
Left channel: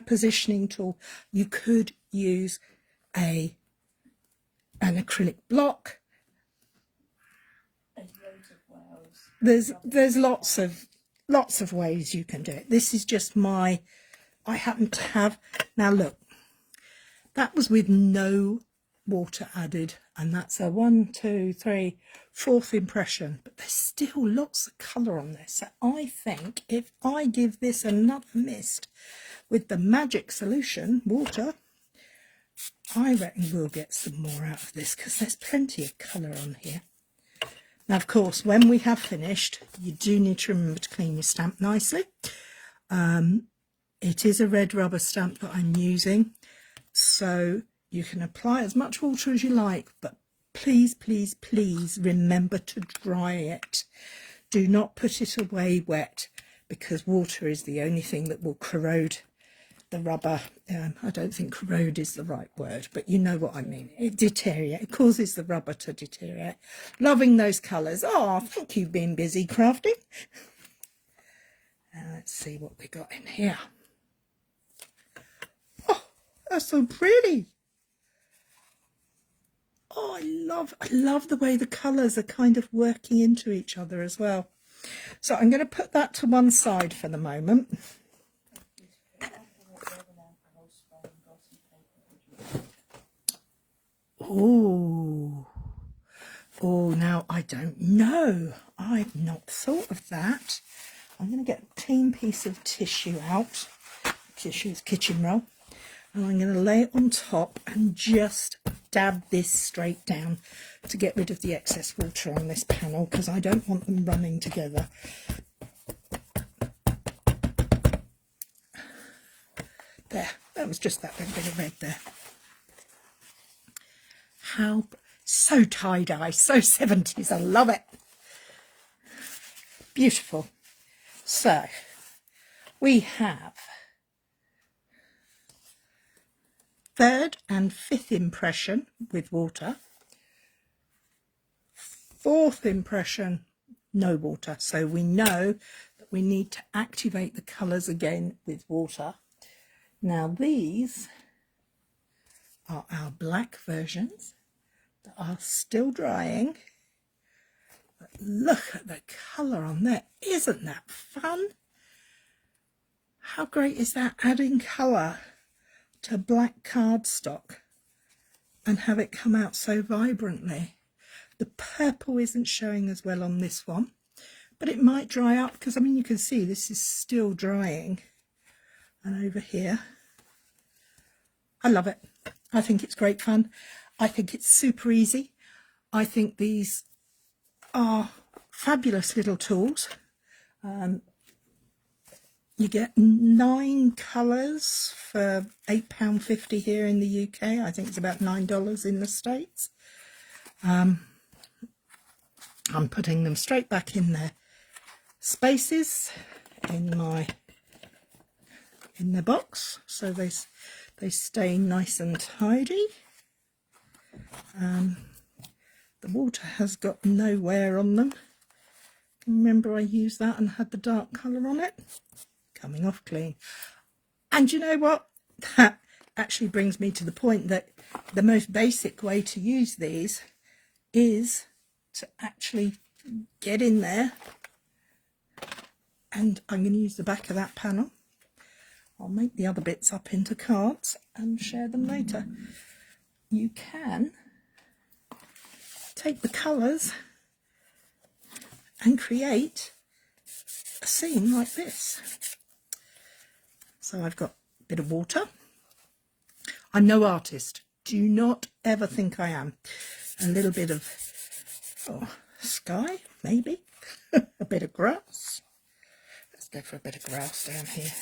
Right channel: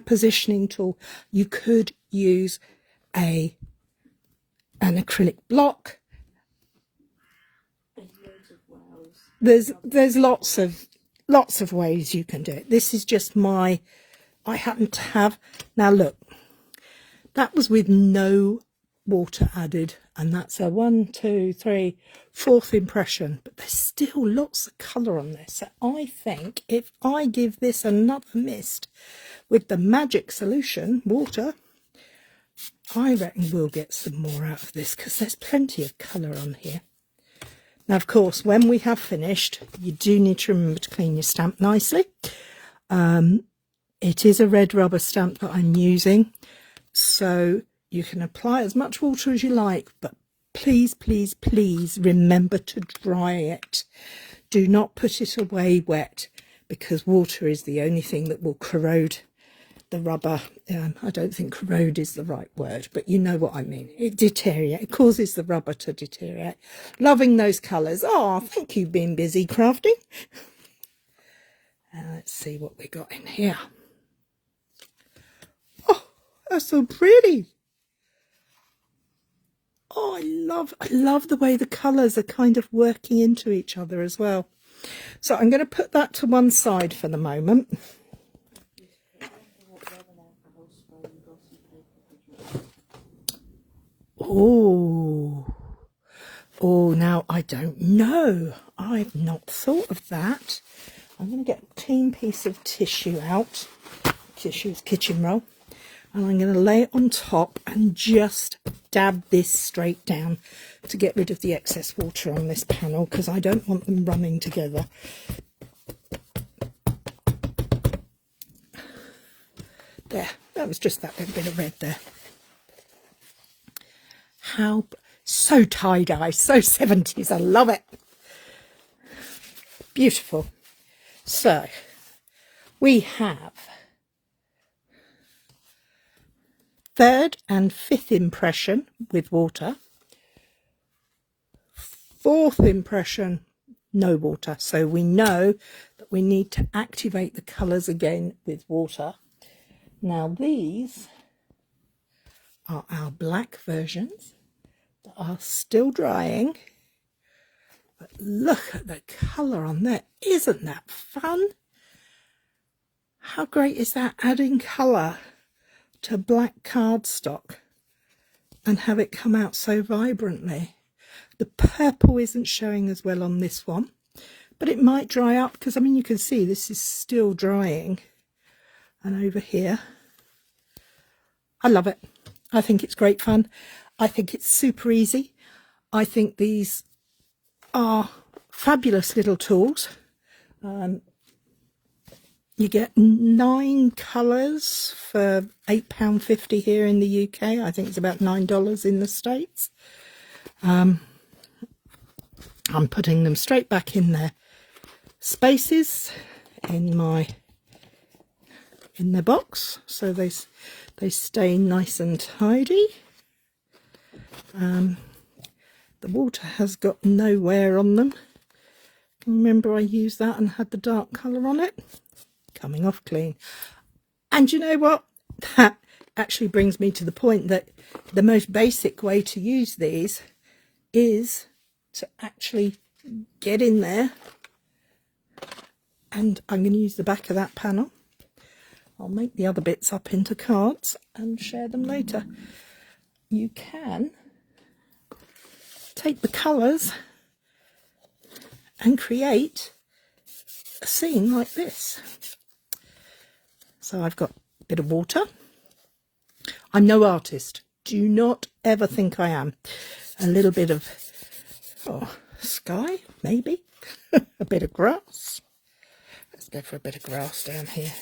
positioning tool. You could use an acrylic block. There's lots of ways you can do it. This is just I happen to have. Now look, that was with no water added, and that's a 1, 2, 3, 4th impression, but there's still lots of colour on this. So I think if I give this another mist with the magic solution, water, I reckon we'll get some more out of this, because there's plenty of colour on here. Now, of course, when we have finished, you do need to remember to clean your stamp nicely. It is a red rubber stamp that I'm using, so you can apply as much water as you like, but please, please, please remember to dry it. Do not put it away wet, because water is the only thing that will corrode the rubber. I don't think corrode is the right word, but you know what I mean. It deteriorates. It causes the rubber to deteriorate. Loving those colours. Oh, thank you, been busy crafting. And let's see what we got in here. Oh, that's so pretty. Oh, I love the way the colours are kind of working into each other as well. So I'm going to put that to one side for the moment. Oh, now I don't know. I've not thought of that. I'm going to get a clean piece of tissue out, kitchen roll, and I'm going to lay it on top and just dab this straight down to get rid of the excess water on this panel, because I don't want them running together. There, that was just that little bit of red there. How so tie-dye, so 70s, I love it. Beautiful. So we have third and fifth impression with water, fourth impression no water. So we know that we need to activate the colours again with water. Now these are our black versions that are still drying, but look at the colour on there. Isn't that fun? How great is that, adding colour to black cardstock and have it come out so vibrantly? The purple isn't showing as well on this one, but it might dry up, because I mean you can see this is still drying. And over here, I love it. I think it's great fun. I think it's super easy. I think these are fabulous little tools. You get 9 colours for £8.50 here in the UK. I think it's about $9 in the States. I'm putting them straight back in their spaces in their box, so they stay nice and tidy. The water has got no wear on them. Can you remember I used that and had the dark colour on it? Coming off clean. And you know what? That actually brings me to the point that the most basic way to use these is to actually get in there, and I'm going to use the back of that panel. I'll make the other bits up into cards and share them later. You can take the colours and create a scene like this. So I've got a bit of water. I'm no artist. Do not ever think I am. A little bit of sky, maybe. A bit of grass. Let's go for a bit of grass down here.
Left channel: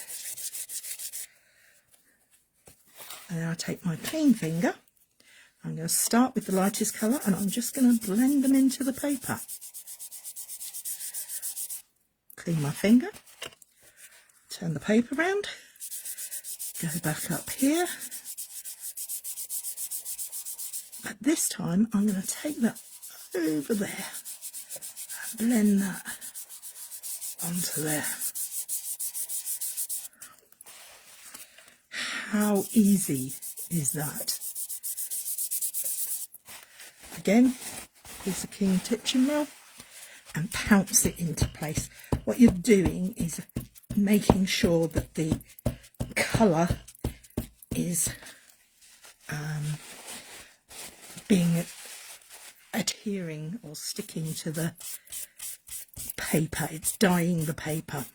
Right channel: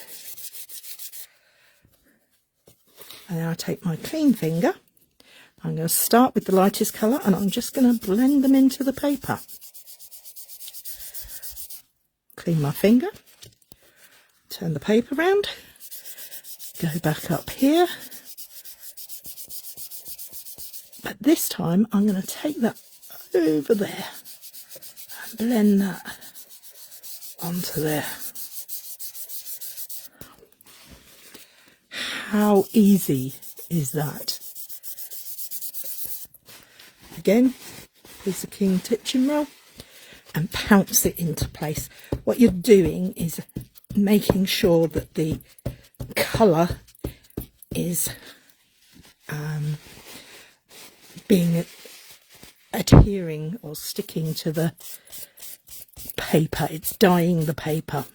And now I take my clean finger. I'm going to start with the lightest colour, and I'm just going to blend them into the paper. Clean my finger. Turn the paper around. Go back up here. But this time I'm going to take that over there and blend that onto there. How easy is that? Again, piece of clean kitchen roll and pounce it into place. What you're doing is making sure that the colour is being adhering or sticking to the paper. It's dyeing the paper.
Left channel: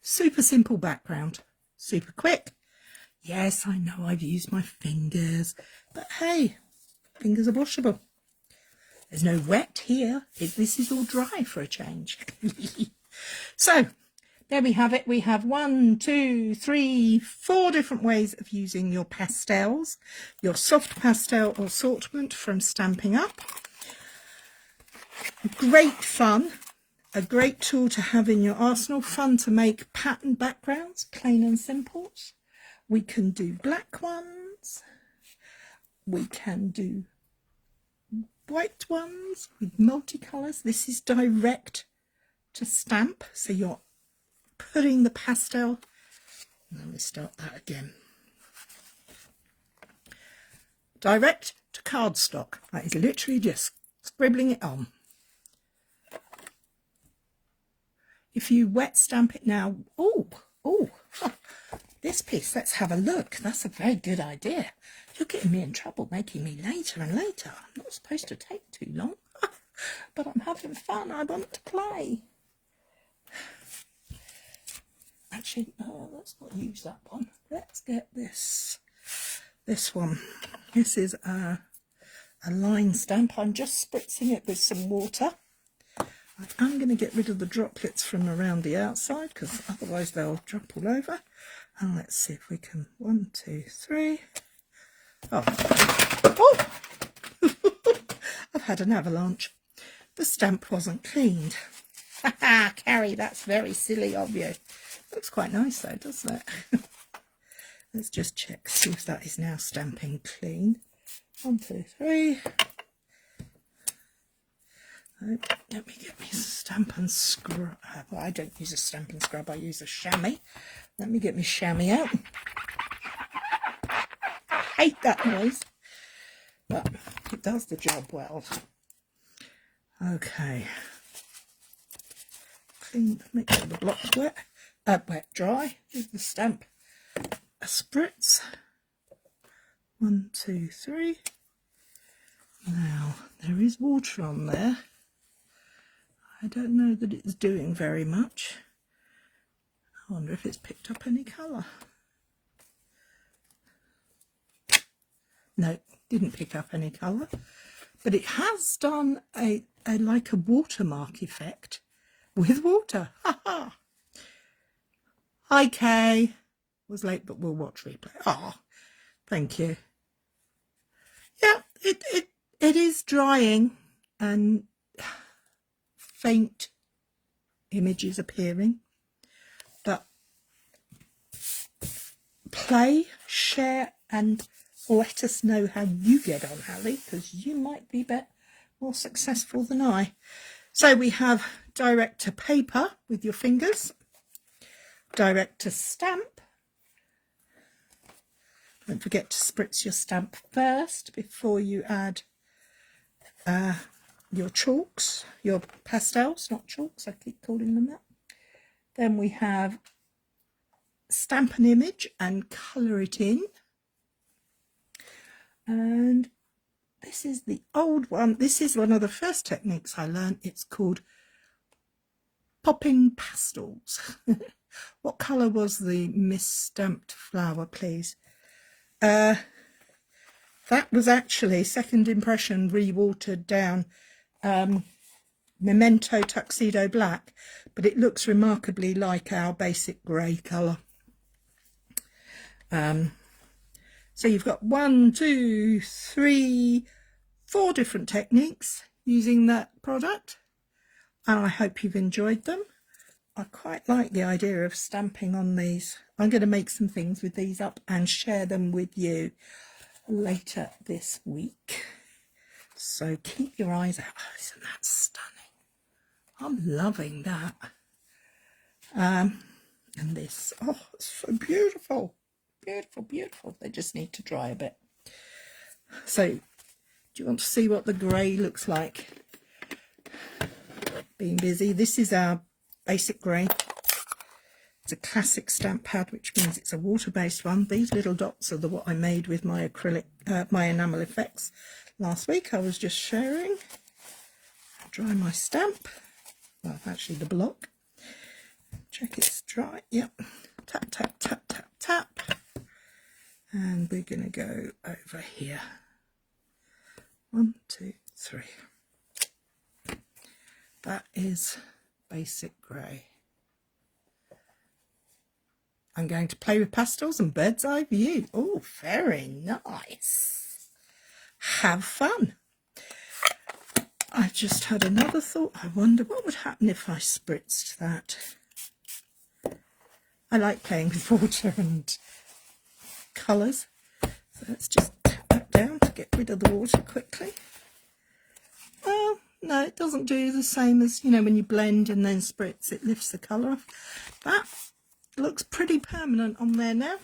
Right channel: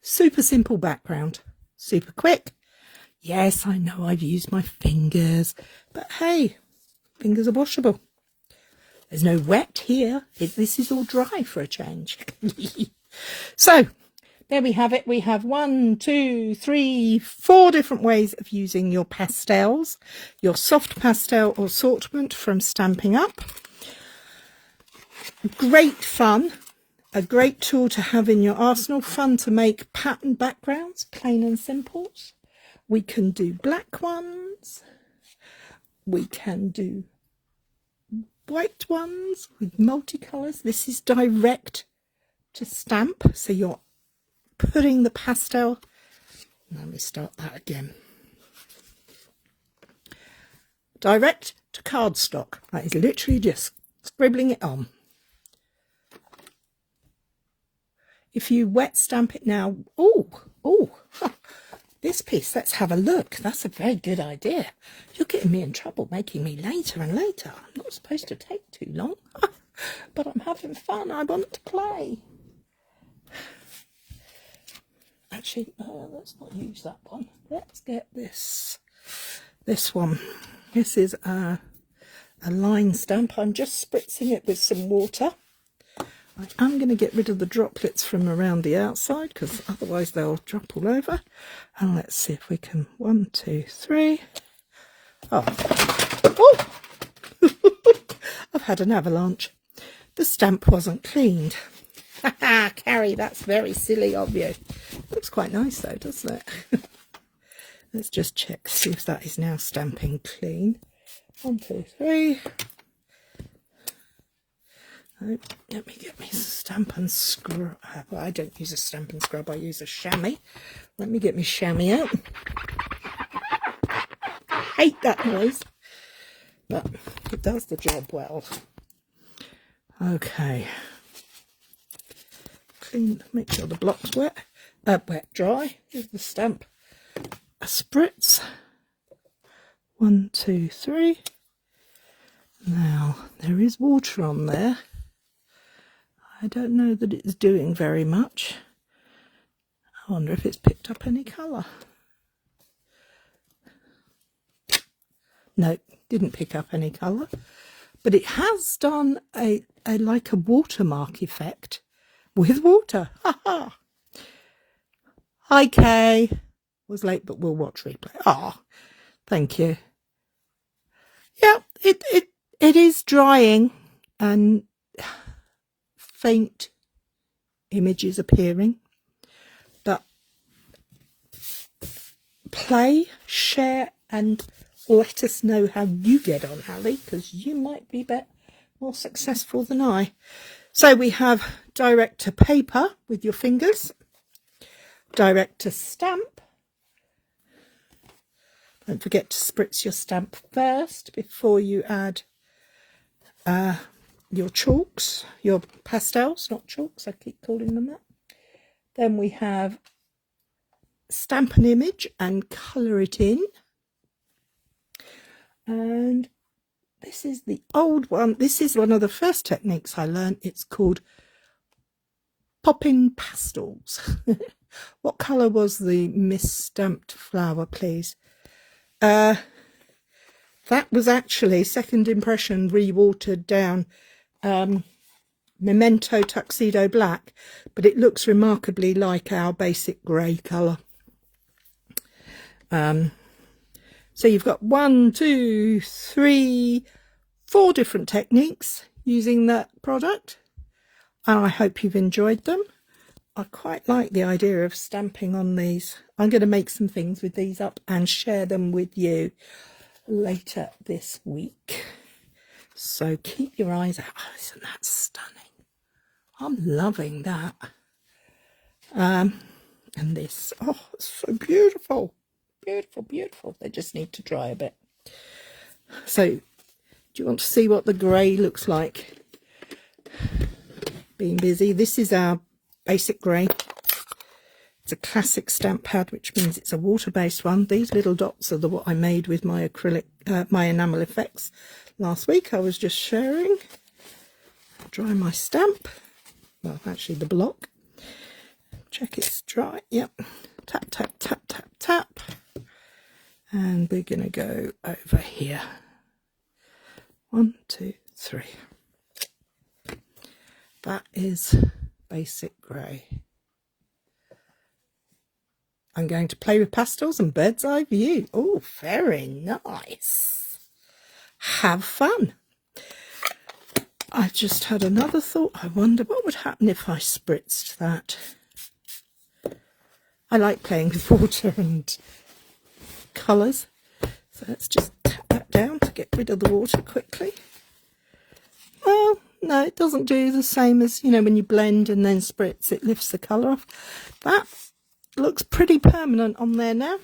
Super simple background, super quick. Yes, I know I've used my fingers, but hey, fingers are washable. There's no wet here. This is all dry for a change. So there we have it. We have 1, 2, 3, 4 different ways of using your pastels, your soft pastel assortment from Stampin' Up. Great fun, a great tool to have in your arsenal. Fun to make pattern backgrounds, plain and simple. We can do black ones. We can do white ones with multicolours. This is direct to stamp, so you're putting the pastel, let me start that again, direct to cardstock. That is literally just scribbling it on. If you wet stamp it now, this piece. Let's have a look. That's a very good idea. You're getting me in trouble, making me later and later. I'm not supposed to take too long, but I'm having fun. I want to play. Actually, let's not use that one. Let's get this one. This is a line stamp. I'm just spritzing it with some water. I'm going to get rid of the droplets from around the outside because otherwise they'll drop all over. And let's see if we can. 1, 2, 3. Oh, I've had an avalanche. The stamp wasn't cleaned. Haha, Cary, that's very silly of you. Looks quite nice though, doesn't it? Let's just check, see if that is now stamping clean. 1, 2, 3. Oh, let me get me some Stampin' Scrub. I don't use a Stampin' Scrub, I use a chamois. Let me get my chamois out. I hate that noise, but it does the job well. Okay. Clean, make sure the block's wet. Wet, dry. Give the stamp a spritz. 1, 2, 3. Now, there is water on there. I don't know that it's doing very much. I wonder if it's picked up any colour. No, didn't pick up any colour. But it has done a like a watermark effect with water. Hi, Kay. Was late, but we'll watch replay. Ah, thank you. Yeah, it is drying and faint images appearing. But play, share, and let us know how you get on, Hallie, because you might be more successful than I. So we have direct to paper with your fingers, direct to stamp. Don't forget to spritz your stamp first before you add your chalks, your pastels, not chalks, I keep calling them that. Then we have stamp an image and colour it in. And this is the old one. This is one of the first techniques I learned. It's called popping pastels. What colour was the misstamped flower, please? That was actually Second Impression re-watered down Memento Tuxedo Black, but it looks remarkably like our basic grey colour. So you've got 1, 2, 3, 4 different techniques using that product. And I hope you've enjoyed them. I quite like the idea of stamping on these. I'm going to make some things with these up and share them with you later this week. So keep your eyes out. Oh, isn't that stunning? I'm loving that. And this, oh, it's so beautiful. Beautiful, beautiful. They just need to dry a bit. So, do you want to see what the grey looks like? Being busy. This is our basic grey. It's a classic stamp pad, which means it's a water-based one. These little dots are what I made with my acrylic, my enamel effects last week. I was just sharing. Dry my stamp. Well, actually the block. Check it's dry. Yep. Tap, tap, tap, tap, tap. And we're going to go over here. 1, 2, 3. That is basic grey. I'm going to play with pastels and bird's eye view. Oh, very nice. Have fun. I've just had another thought. I wonder what would happen if I spritzed that. I like playing with water and colours. So let's just tap that down to get rid of the water quickly. Well, no, it doesn't do the same as, you know, when you blend and then spritz, it lifts the colour off. That looks pretty permanent on there now.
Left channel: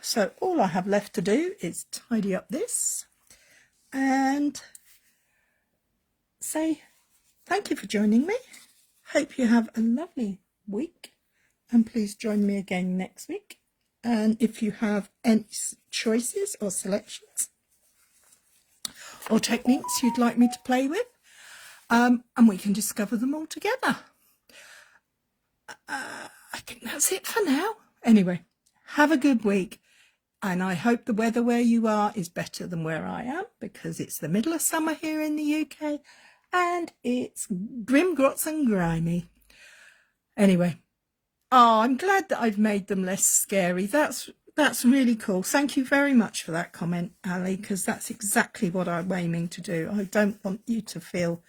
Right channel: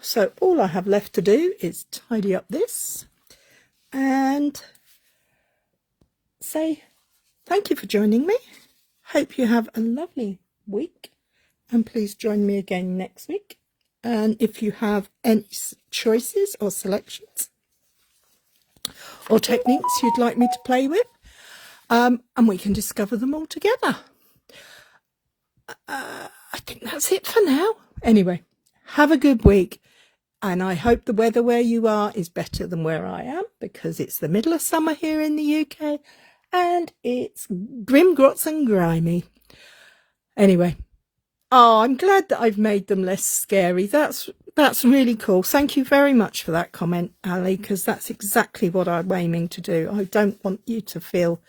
So all I have left to do is tidy up this and say thank you for joining me. Hope you have a lovely week and please join me again next week. And if you have any choices or selections or techniques you'd like me to play with, and we can discover them all together. I think that's it for now. Anyway, have a good week. And I hope the weather where you are is better than where I am, because it's the middle of summer here in the UK and it's grim, grots and grimy. Anyway, I'm glad that I've made them less scary. That's really cool. Thank you very much for that comment, Ali, because that's exactly what I'm aiming to do. I don't want you to feel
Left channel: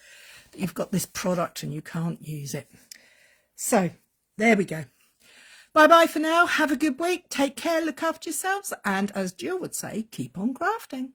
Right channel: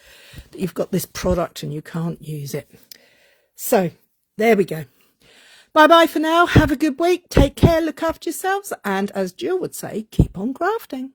that you've got this product and you can't use it. So there we go. Bye-bye for now. Have a good week. Take care. Look after yourselves. And as Jill would say, keep on crafting.